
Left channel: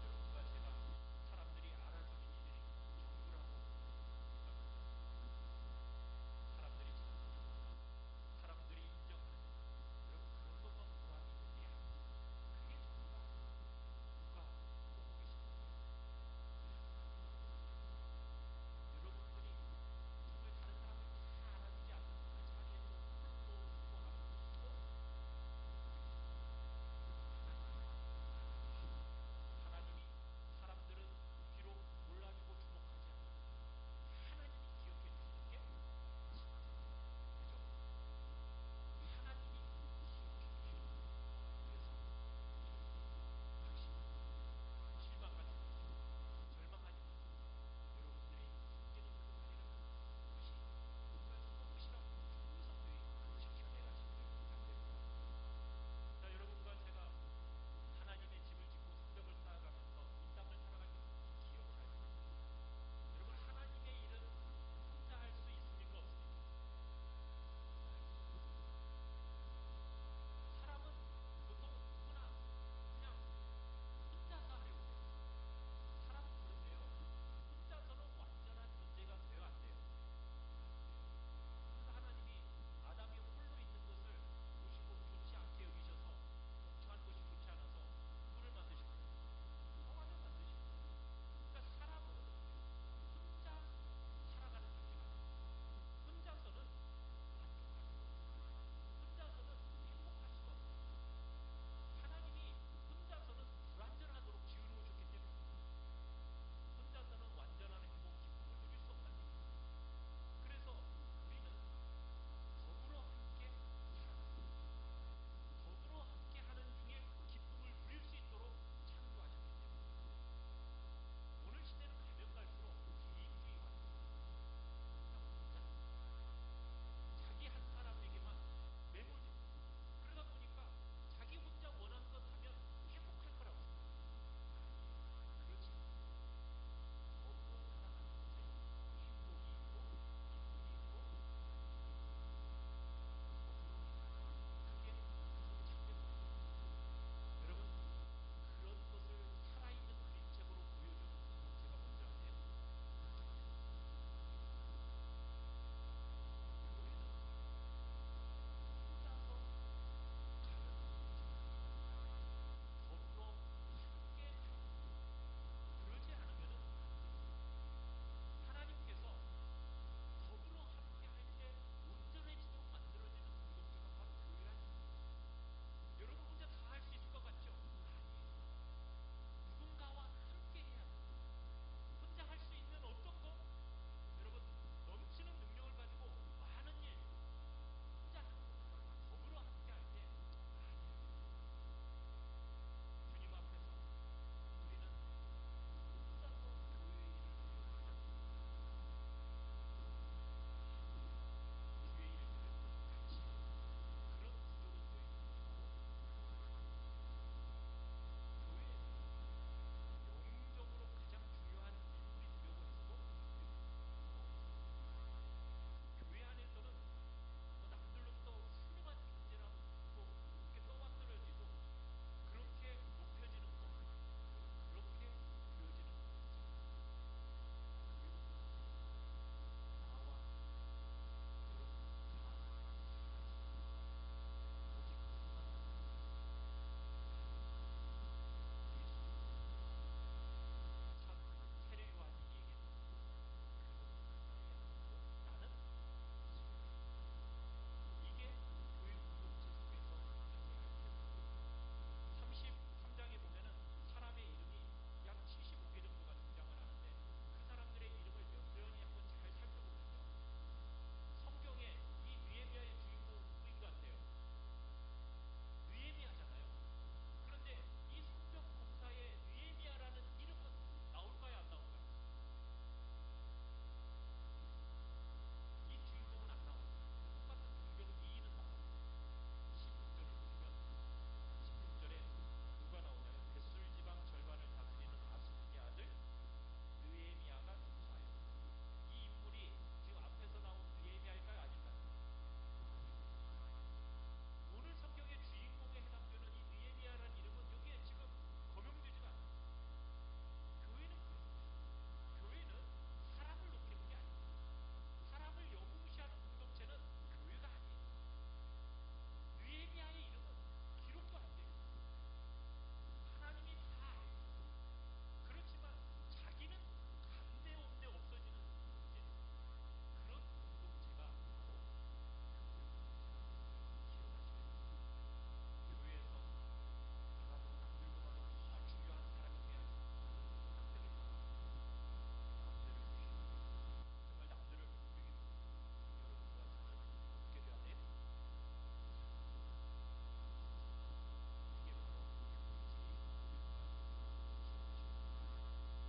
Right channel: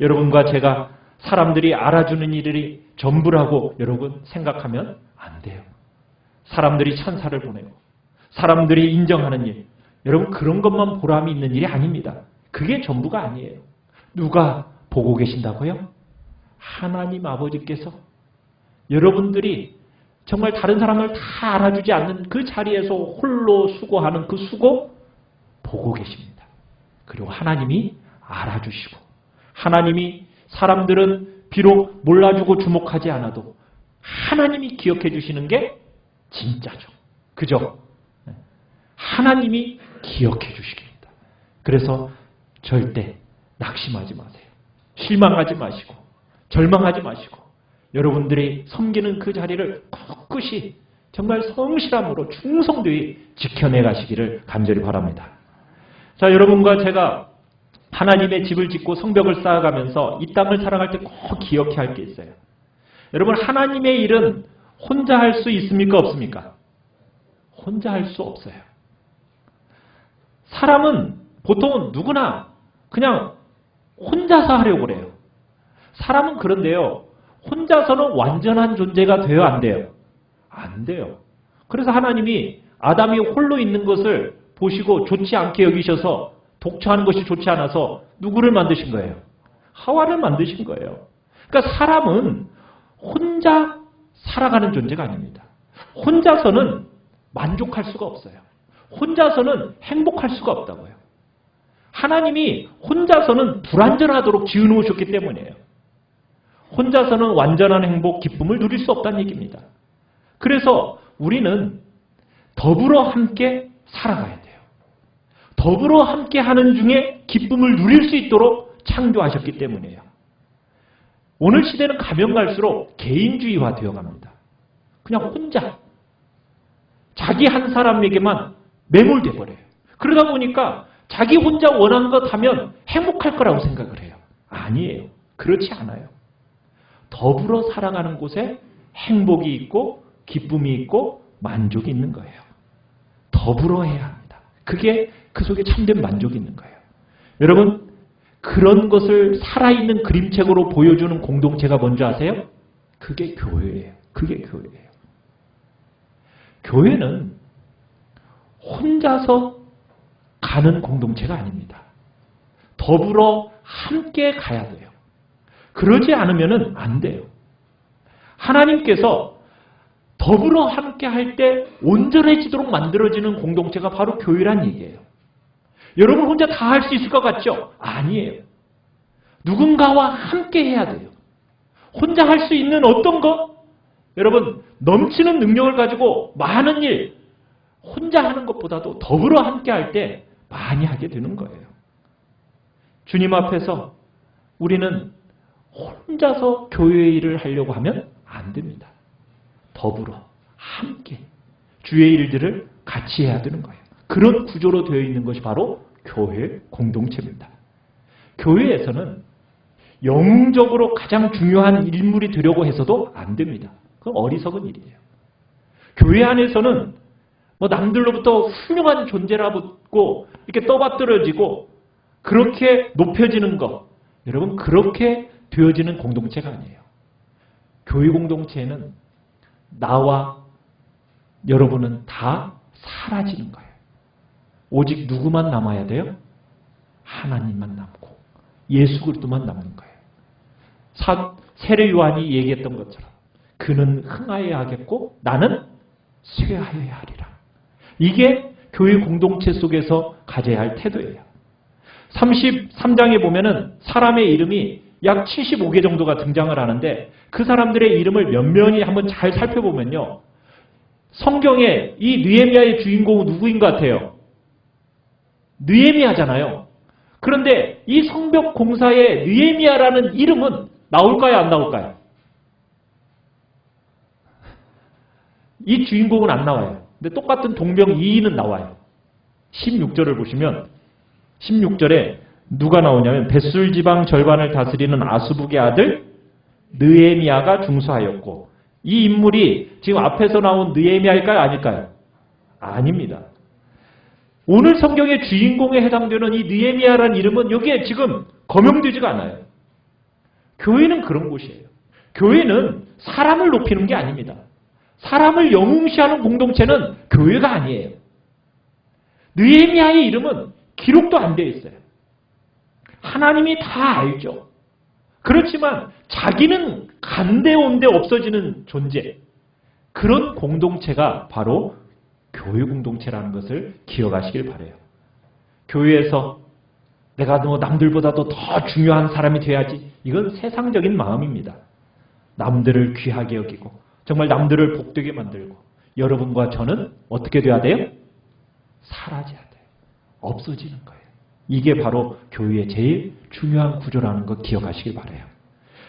여러분과 제가 사람들이 알아주는 일이 전부라고 여러분 생각하면 안 돼요. 사람들이 찬사를 보내고 사람들이 인정하는 일, 여러분 그런 것만 보람이 있는 일이 아닙니다. 그게 전부가 아니에요. 누가 보고 계신다고요? 하나님 아버지께서 여러분들이 정말 다른 사람을 다 알아주지 않는 그 자리에서 홀로 수고하는 그 수고 보고 계십니다. 그리고 하나님이 알아주시고 하나님이 사람들은 비록 몰라주고 주목하지 않아도 하나님이 기억해 주시는 게 진짜죠. 그죠? 하나님이 기억해 주시겠다. 그래서 절대 낙심하지 마세요. 실망하지 마시고 절망하지 마시고 여러분들이 섬기는 그 자리를 꿋꿋이 정말 성실함으로 충성되이 지켜내 가시기를 간절히 바랍니다. 자, 여러분과 제가 하나님의 집을 짓고 성벽을 쌓아가면서 이 땅을 살아갈 때 꼭 기억해야 할 게 있어요. 여러분, 하나님의 일은 혼자 할 수 있습니까? 없습니까? 혼자 할 수 없어요. 사람은 보통은 누구나 그냥 혼자서 하려고 그래요. 사람은 그런데요, 혼자서는 완전한 존재가 돼요, 안 돼요? 안 돼요. 그래서 하나님이 아담이 홀로 있는 것을 보시고 좋지 않게 여기셔서 독처하는 것이 좋지 않아서 누구를 만드신 거예요? 하와를 만드신 거예요. 그러니까 사람은 혼자 살아가는 존재가 아닙니다. 혼자서는 만족할 수가 없어요. 혼자서는 행복할 수가 없다고요. 하나님이 혼자서는 불완전하도록 지어놓으셨기 때문이에요. 혼자서는 완전한 행복, 기쁨을 누릴 수 없다는 얘기입니다. 그래서 우리는 더불어 함께 살아가야 돼요. 더불어 함께 하는 중에 기쁨을 누릴 수 있도록 창조하셨기 때문이에요. 오늘 시대는 가면 갈수록 개인주의화 되어갑니다. 그냥 혼자 자기 한 사람에게만 매몰돼 버려요. 그러다 보니까 자기 혼자 원하는 것 하면 행복할 거라고 생각을 해요. 아니에요. 그렇지 않아요. 더불어 살아가는 곳에 행복이 있고 기쁨이 있고 만족이 있는 거예요. 더불어 해야 합니다. 그게 그 속에 참된 만족이 있는 거예요. 여러분, 그런 것을 살아있는 그림책으로 보여주는 공동체가 뭔지 아세요? 그게 교회예요. 그게 교회예요. 교회는 혼자서 가는 공동체가 아닙니다. 더불어 함께 가야 돼요. 그러지 않으면 안 돼요. 하나님께서 더불어 함께 할 때 온전해지도록 만들어지는 공동체가 바로 교회란 얘기예요. 여러분 혼자 다 할 수 있을 것 같죠? 아니에요. 누군가와 함께 해야 돼요. 혼자 할 수 있는 어떤 것? 여러분 넘치는 능력을 가지고 많은 일 혼자 하는 것보다도 더불어 함께 할 때 많이 하게 되는 거예요. 주님 앞에서 우리는 혼자서 교회 일을 하려고 하면 안 됩니다. 더불어 함께 주의 일들을 같이 해야 되는 거예요. 그런 구조로 되어 있는 것이 바로 교회 공동체입니다. 교회에서는 영웅적으로 가장 중요한 인물이 되려고 해서도 안 됩니다. 그건 어리석은 일이에요. 교회 안에서는 남들로부터 훌륭한 존재라고 이렇게 떠받들어지고 그렇게 높여지는 것, 여러분 그렇게 되어지는 공동체가 아니에요. 교회 공동체에는 나와 여러분은 다 사라지는 거예요. 오직 누구만 남아야 돼요? 하나님만 남고 예수 그리스도만 남는 거예요. 세례 요한이 얘기했던 것처럼 그는 흥하여야 하겠고 나는 쇠하여야 하리라. 이게 교회 공동체 속에서 가져야 할 태도예요. 33장에 보면은 사람의 이름이 약 75개 정도가 등장을 하는데 그 사람들의 이름을 면면히 한번 잘 살펴보면요. 성경에 이 느헤미야의 주인공은 누구인 것 같아요? 느헤미야잖아요. 그런데 이 성벽 공사의 느헤미야라는 이름은 나올까요? 안 나올까요? 이 주인공은 안 나와요. 근데 똑같은 동명이인은 나와요. 16절을 보시면 16절에 누가 나오냐면 벳술 지방 절반을 다스리는 아수북의 아들 느헤미야가 중수하였고 이 인물이 지금 앞에서 나온 느헤미야일까요? 아닐까요? 아닙니다. 오늘 성경의 주인공에 해당되는 이 느헤미야라는 이름은 여기에 지금 거명되지가 않아요. 교회는 그런 곳이에요. 교회는 사람을 높이는 게 아닙니다. 사람을 영웅시하는 공동체는 교회가 아니에요. 느헤미야의 이름은 기록도 안 되어 있어요. 하나님이 다 알죠. 그렇지만 자기는 간데온데 없어지는 존재. 그런 공동체가 바로 교회 공동체라는 것을 기억하시길 바라요. 교회에서 내가 남들보다도 더 중요한 사람이 돼야지. 이건 세상적인 마음입니다. 남들을 귀하게 여기고 정말 남들을 복되게 만들고 여러분과 저는 어떻게 돼야 돼요? 사라져야 돼요. 없어지는 거예요. 이게 바로 교회의 제일 중요한 구조라는 거 기억하시길 바라요.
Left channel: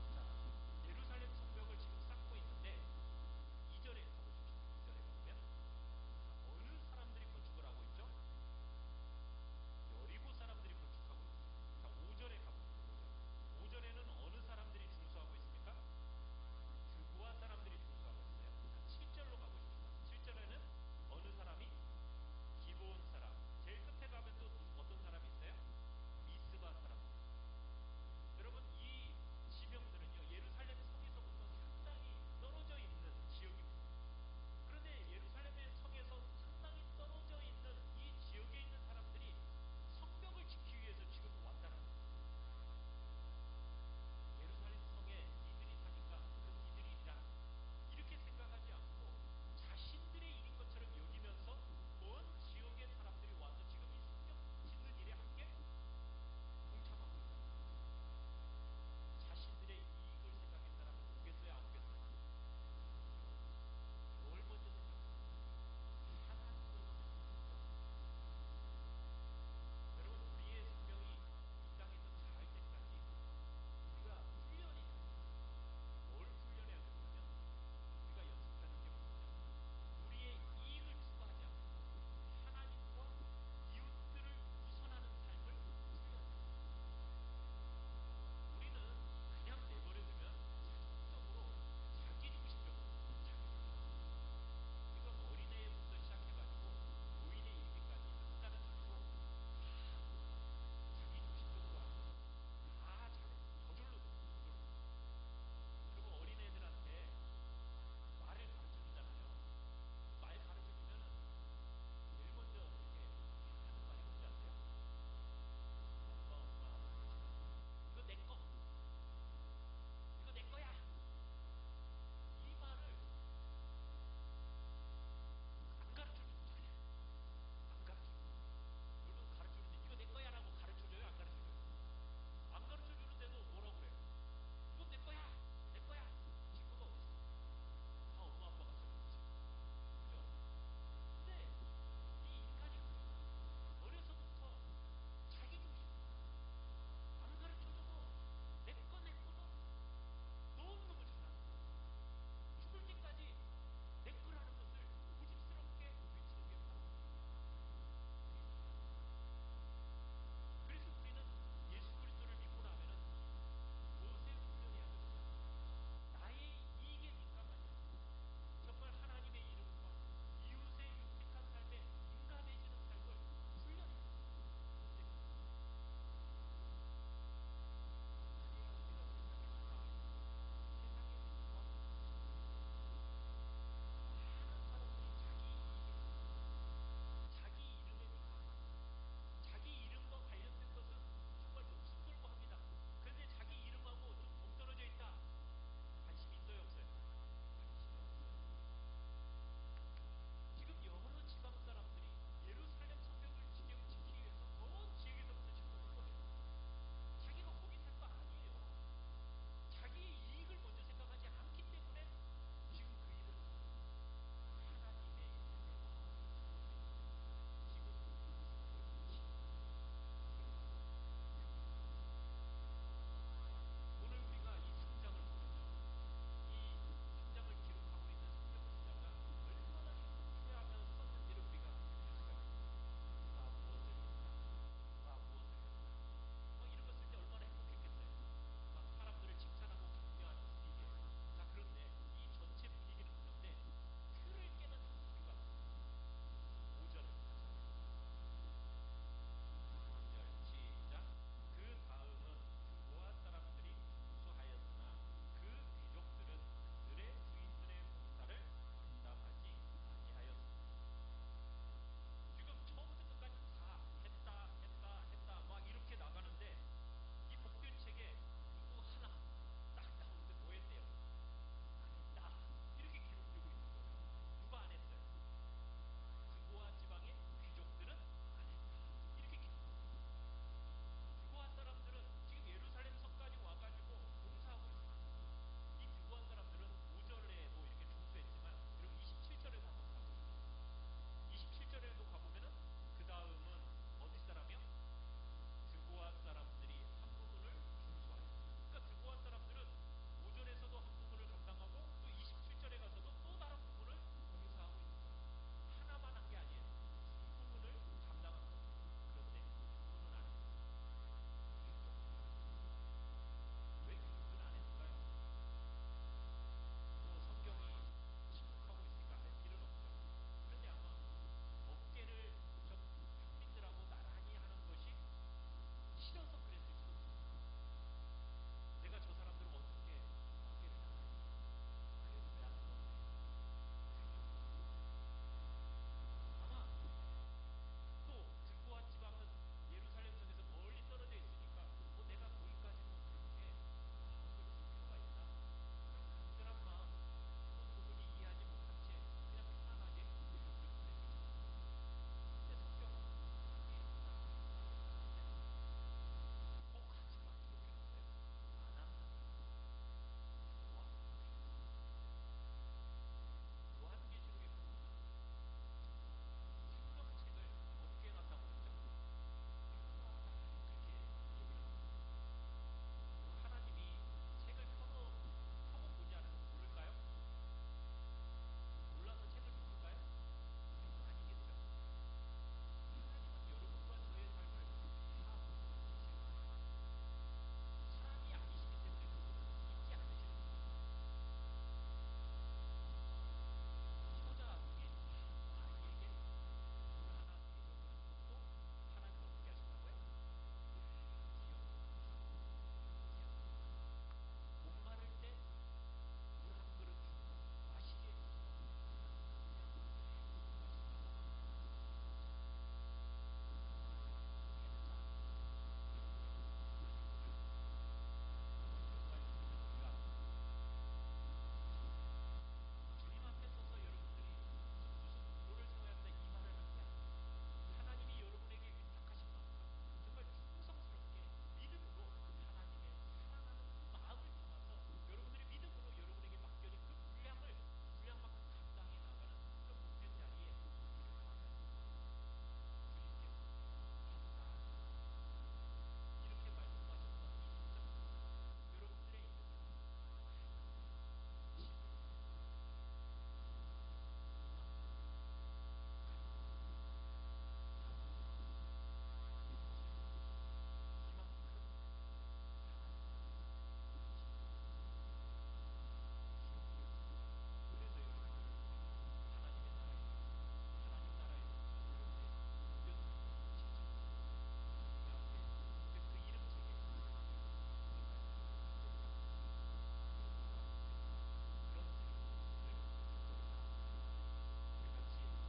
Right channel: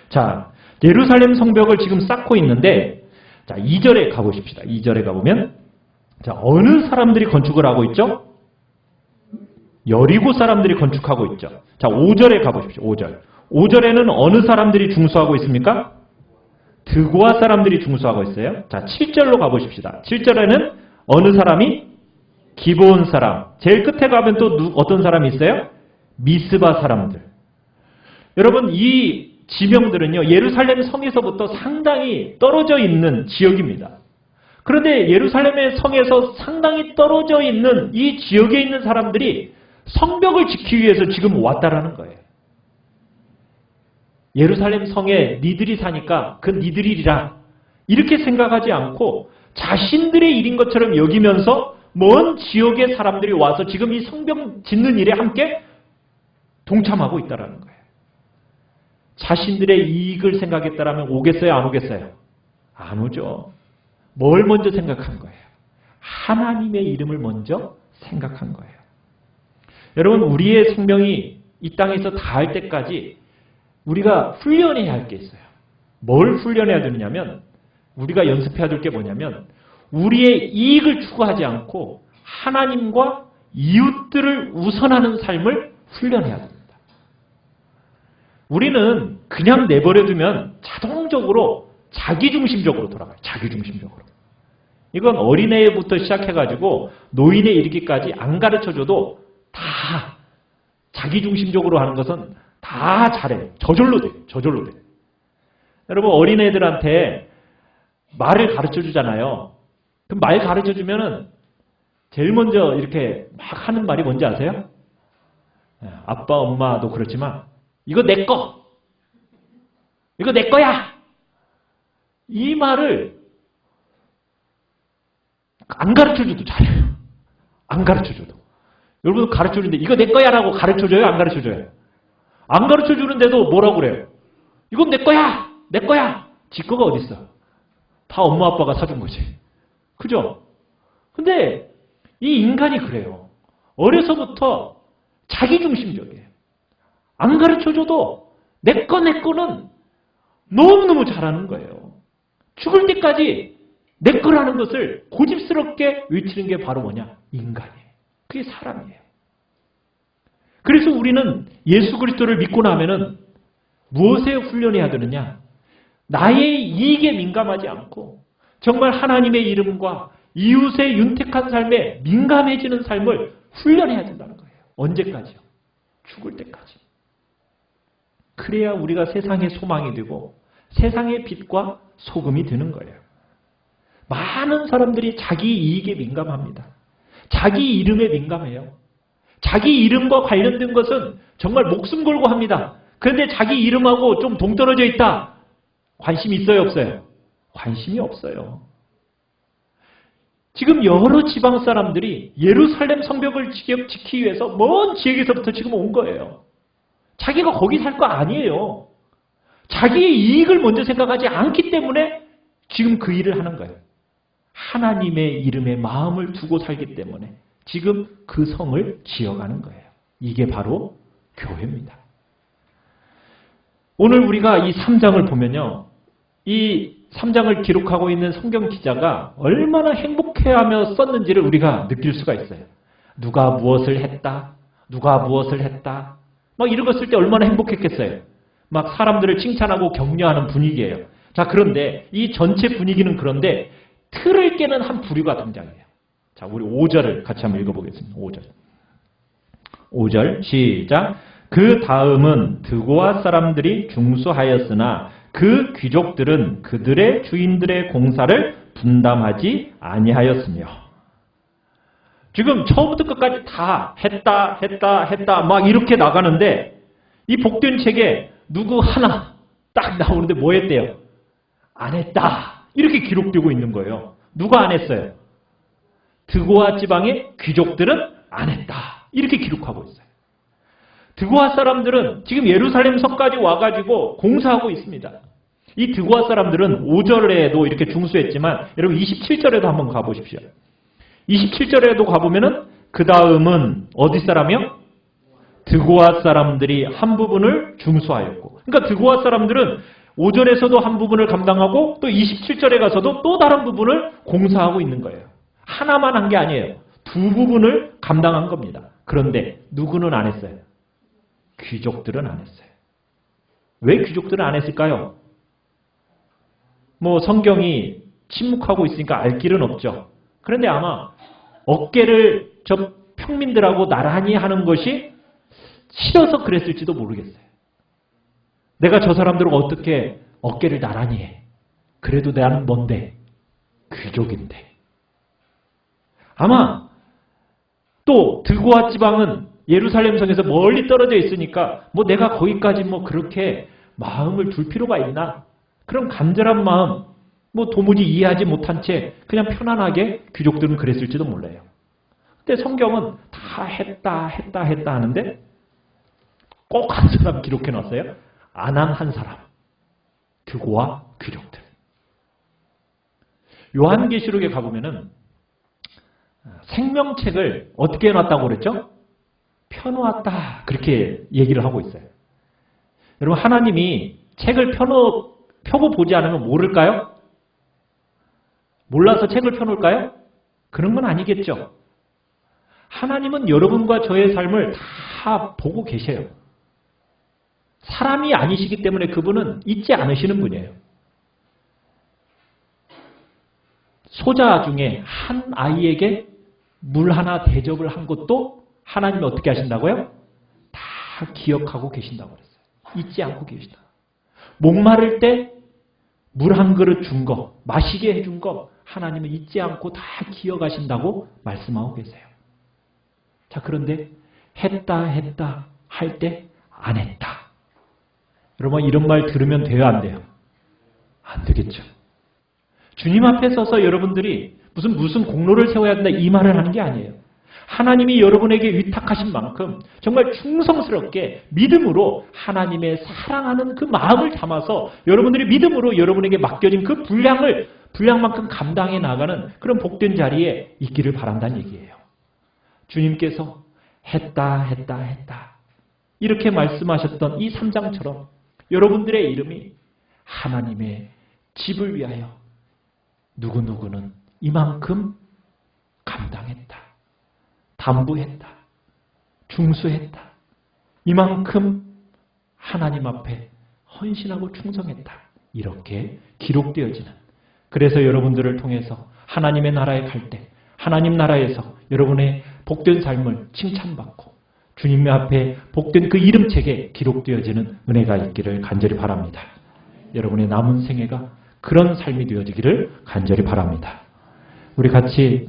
자, 예루살렘 성벽을 지금 쌓고 있는데 자, 2절에 가보십시다. 2절에 가보면 자, 어느 사람들이 건축을 하고 있죠? 여리고 사람들이 건축하고 있죠. 자, 5절에 가보십시오. 5절. 5절에는 어느 사람들이 중수하고 있습니까? 드고아 사람들이 중수하고 있어요. 자, 7절로 가보십시다. 7절에는 어느 사람이? 기브온 사람. 제일 끝에 가면 또 어떤 사람이 있어요? 미스바 사람들. 여러분 이 지명들은요. 예루살렘 성에서부터 상당히 떨어져 있는 지역입니다. 그런데 예루살렘의 성에서 상당히 떨어져 있는 이 지역에 있는 사람들이 성벽을 지키기 위해서 지금 왔다라는 거예요. 예루살렘 성에 니들이 사니까 그 니들이 일이라 이렇게 생각하지 않고 자신들의 일인 것처럼 여기면서 먼 지역의 사람들이 와서 지금 이 성벽 짓는 일에 함께 동참하고 있다는 거예요. 자신들의 이익을 생각했다면 오겠어요? 안 오겠어요? 안 오죠. 뭘 먼저 생각한 거예요? 하나님의 이름을 먼저 생각한 거예요. 여러분 우리의 생명이 이 땅에서 다할 때까지 우리가 훈련해야 할 게 있어요. 뭘 훈련해야 되느냐면 우리가 연습해야 될 게 뭐냐면 우리의 이익을 추구하지 않고 하나님과 이웃들을 우선하는 삶을 훈련해야 됩니다. 우리는 그냥 내버려두면 자동적으로 자기중심적으로 돌아가요. 자기중심적으로. 이건 어린애부터 시작해가지고 노인에 이르기까지 안 가르쳐줘도 다 자기중심적으로 하는 것은 다 잘해. 저절로 돼. 저절로 돼. 여러분 어린애들한테 말을 가르쳐 주잖아요. 그럼 말 가르쳐 주면은 제일 먼저 이렇게 막 하는 말이 뭔지 아세요? 아빠, 엄마도 그렇지만 이거 내 거! 이거 내 거야! 이 말을 안 가르쳐 줘도 잘해요. 안 가르쳐 줘도. 여러분 가르쳐 주는데 이거 내 거야 라고 가르쳐 줘요? 안 가르쳐 줘요? 안 가르쳐 주는데도 뭐라고 그래요? 이건 내 거야! 내 거야! 지 거가 어딨어? 다 엄마 아빠가 사준 거지. 그죠? 근데 이 인간이 그래요. 어려서부터 자기중심적이에요. 안 가르쳐줘도 내 거는 너무너무 잘하는 거예요. 죽을 때까지 내 거라는 것을 고집스럽게 외치는 게 바로 뭐냐? 인간이에요. 그게 사람이에요. 그래서 우리는 예수 그리스도를 믿고 나면은 무엇에 훈련해야 되느냐? 나의 이익에 민감하지 않고 정말 하나님의 이름과 이웃의 윤택한 삶에 민감해지는 삶을 훈련해야 된다는 거예요. 언제까지요? 죽을 때까지. 그래야 우리가 세상의 소망이 되고 세상의 빛과 소금이 되는 거예요. 많은 사람들이 자기 이익에 민감합니다. 자기 이름에 민감해요. 자기 이름과 관련된 것은 정말 목숨 걸고 합니다. 그런데 자기 이름하고 좀 동떨어져 있다. 관심이 있어요, 없어요? 관심이 없어요. 지금 여러 지방 사람들이 예루살렘 성벽을 지키기 위해서 먼 지역에서부터 지금 온 거예요. 자기가 거기 살 거 아니에요. 자기의 이익을 먼저 생각하지 않기 때문에 지금 그 일을 하는 거예요. 하나님의 이름에 마음을 두고 살기 때문에 지금 그 성을 지어가는 거예요. 이게 바로 교회입니다. 오늘 우리가 이 3장을 보면요. 이 3장을 기록하고 있는 성경 기자가 얼마나 행복해하며 썼는지를 우리가 느낄 수가 있어요. 누가 무엇을 했다. 누가 무엇을 했다. 막 이런 거 쓸 때 얼마나 행복했겠어요. 막 사람들을 칭찬하고 격려하는 분위기예요. 자, 그런데 이 전체 분위기는 그런데 틀을 깨는 한 부류가 등장해요. 자, 우리 5절을 같이 한번 읽어보겠습니다. 5절. 5절 시작. 그 다음은 드고아 사람들이 중수하였으나 그 귀족들은 그들의 주인들의 공사를 분담하지 아니하였으며. 지금 처음부터 끝까지 다 했다 막 이렇게 나가는데 이 복된 책에 누구 하나 딱 나오는데 뭐 했대요? 안 했다. 이렇게 기록되고 있는 거예요. 누가 안 했어요? 드고아 지방의 귀족들은 안 했다. 이렇게 기록하고 있어요. 드고아 사람들은 지금 예루살렘 성까지 와가지고 공사하고 있습니다. 이 드고아 사람들은 5절에도 이렇게 중수했지만 여러분 27절에도 한번 가보십시오. 27절에도 가보면은 그 다음은 어디 사람이요? 드고아 사람들이 한 부분을 중수하였고. 그러니까 드고아 사람들은 5절에서도 한 부분을 감당하고 또 27절에 가서도 또 다른 부분을 공사하고 있는 거예요. 하나만 한 게 아니에요. 두 부분을 감당한 겁니다. 그런데 누구는 안 했어요? 귀족들은 안 했어요. 왜 귀족들은 안 했을까요? 뭐 성경이 침묵하고 있으니까 알 길은 없죠. 그런데 아마 어깨를 저 평민들하고 나란히 하는 것이 싫어서 그랬을지도 모르겠어요. 내가 저 사람들과 어떻게 어깨를 나란히 해. 그래도 나는 뭔데? 귀족인데. 아마 또 드고아 지방은 예루살렘 성에서 멀리 떨어져 있으니까 뭐 내가 거기까지 뭐 그렇게 마음을 둘 필요가 있나? 그런 간절한 마음, 뭐 도무지 이해하지 못한 채 그냥 편안하게 귀족들은 그랬을지도 몰라요. 근데 성경은 다 했다 하는데 꼭 한 사람 기록해 놨어요. 안 한 한 사람. 드고아 귀족들. 요한계시록에 가보면은 생명책을 어떻게 해놨다고 그랬죠? 펴놓았다. 그렇게 얘기를 하고 있어요. 여러분 하나님이 책을 펴고 보지 않으면 모를까요? 몰라서 책을 펴놓을까요? 그런 건 아니겠죠. 하나님은 여러분과 저의 삶을 다 보고 계셔요. 사람이 아니시기 때문에 그분은 잊지 않으시는 분이에요. 소자 중에 한 아이에게 물 하나 대접을 한 것도 하나님이 어떻게 하신다고요? 다 기억하고 계신다고 그랬어요. 잊지 않고 계신다. 목마를 때 물 한 그릇 준 거, 마시게 해준 거 하나님은 잊지 않고 다 기억하신다고 말씀하고 계세요. 자, 그런데 했다 할 때 안 했다. 여러분 이런 말 들으면 돼요, 안 돼요? 안 되겠죠. 주님 앞에 서서 여러분들이 무슨 공로를 세워야 된다 이 말을 하는 게 아니에요. 하나님이 여러분에게 위탁하신 만큼 정말 충성스럽게 믿음으로 하나님의 사랑하는 그 마음을 담아서 여러분들이 믿음으로 여러분에게 맡겨진 그 분량만큼 감당해 나가는 그런 복된 자리에 있기를 바란다는 얘기예요. 주님께서 했다 이렇게 말씀하셨던 이 3장처럼 여러분들의 이름이 하나님의 집을 위하여 누구누구는 이만큼 감당했다. 담부했다. 중수했다. 이만큼 하나님 앞에 헌신하고 충성했다. 이렇게 기록되어지는. 그래서 여러분들을 통해서 하나님의 나라에 갈 때 하나님 나라에서 여러분의 복된 삶을 칭찬받고 주님 앞에 복된 그 이름책에 기록되어지는 은혜가 있기를 간절히 바랍니다. 여러분의 남은 생애가 그런 삶이 되어지기를 간절히 바랍니다. 우리 같이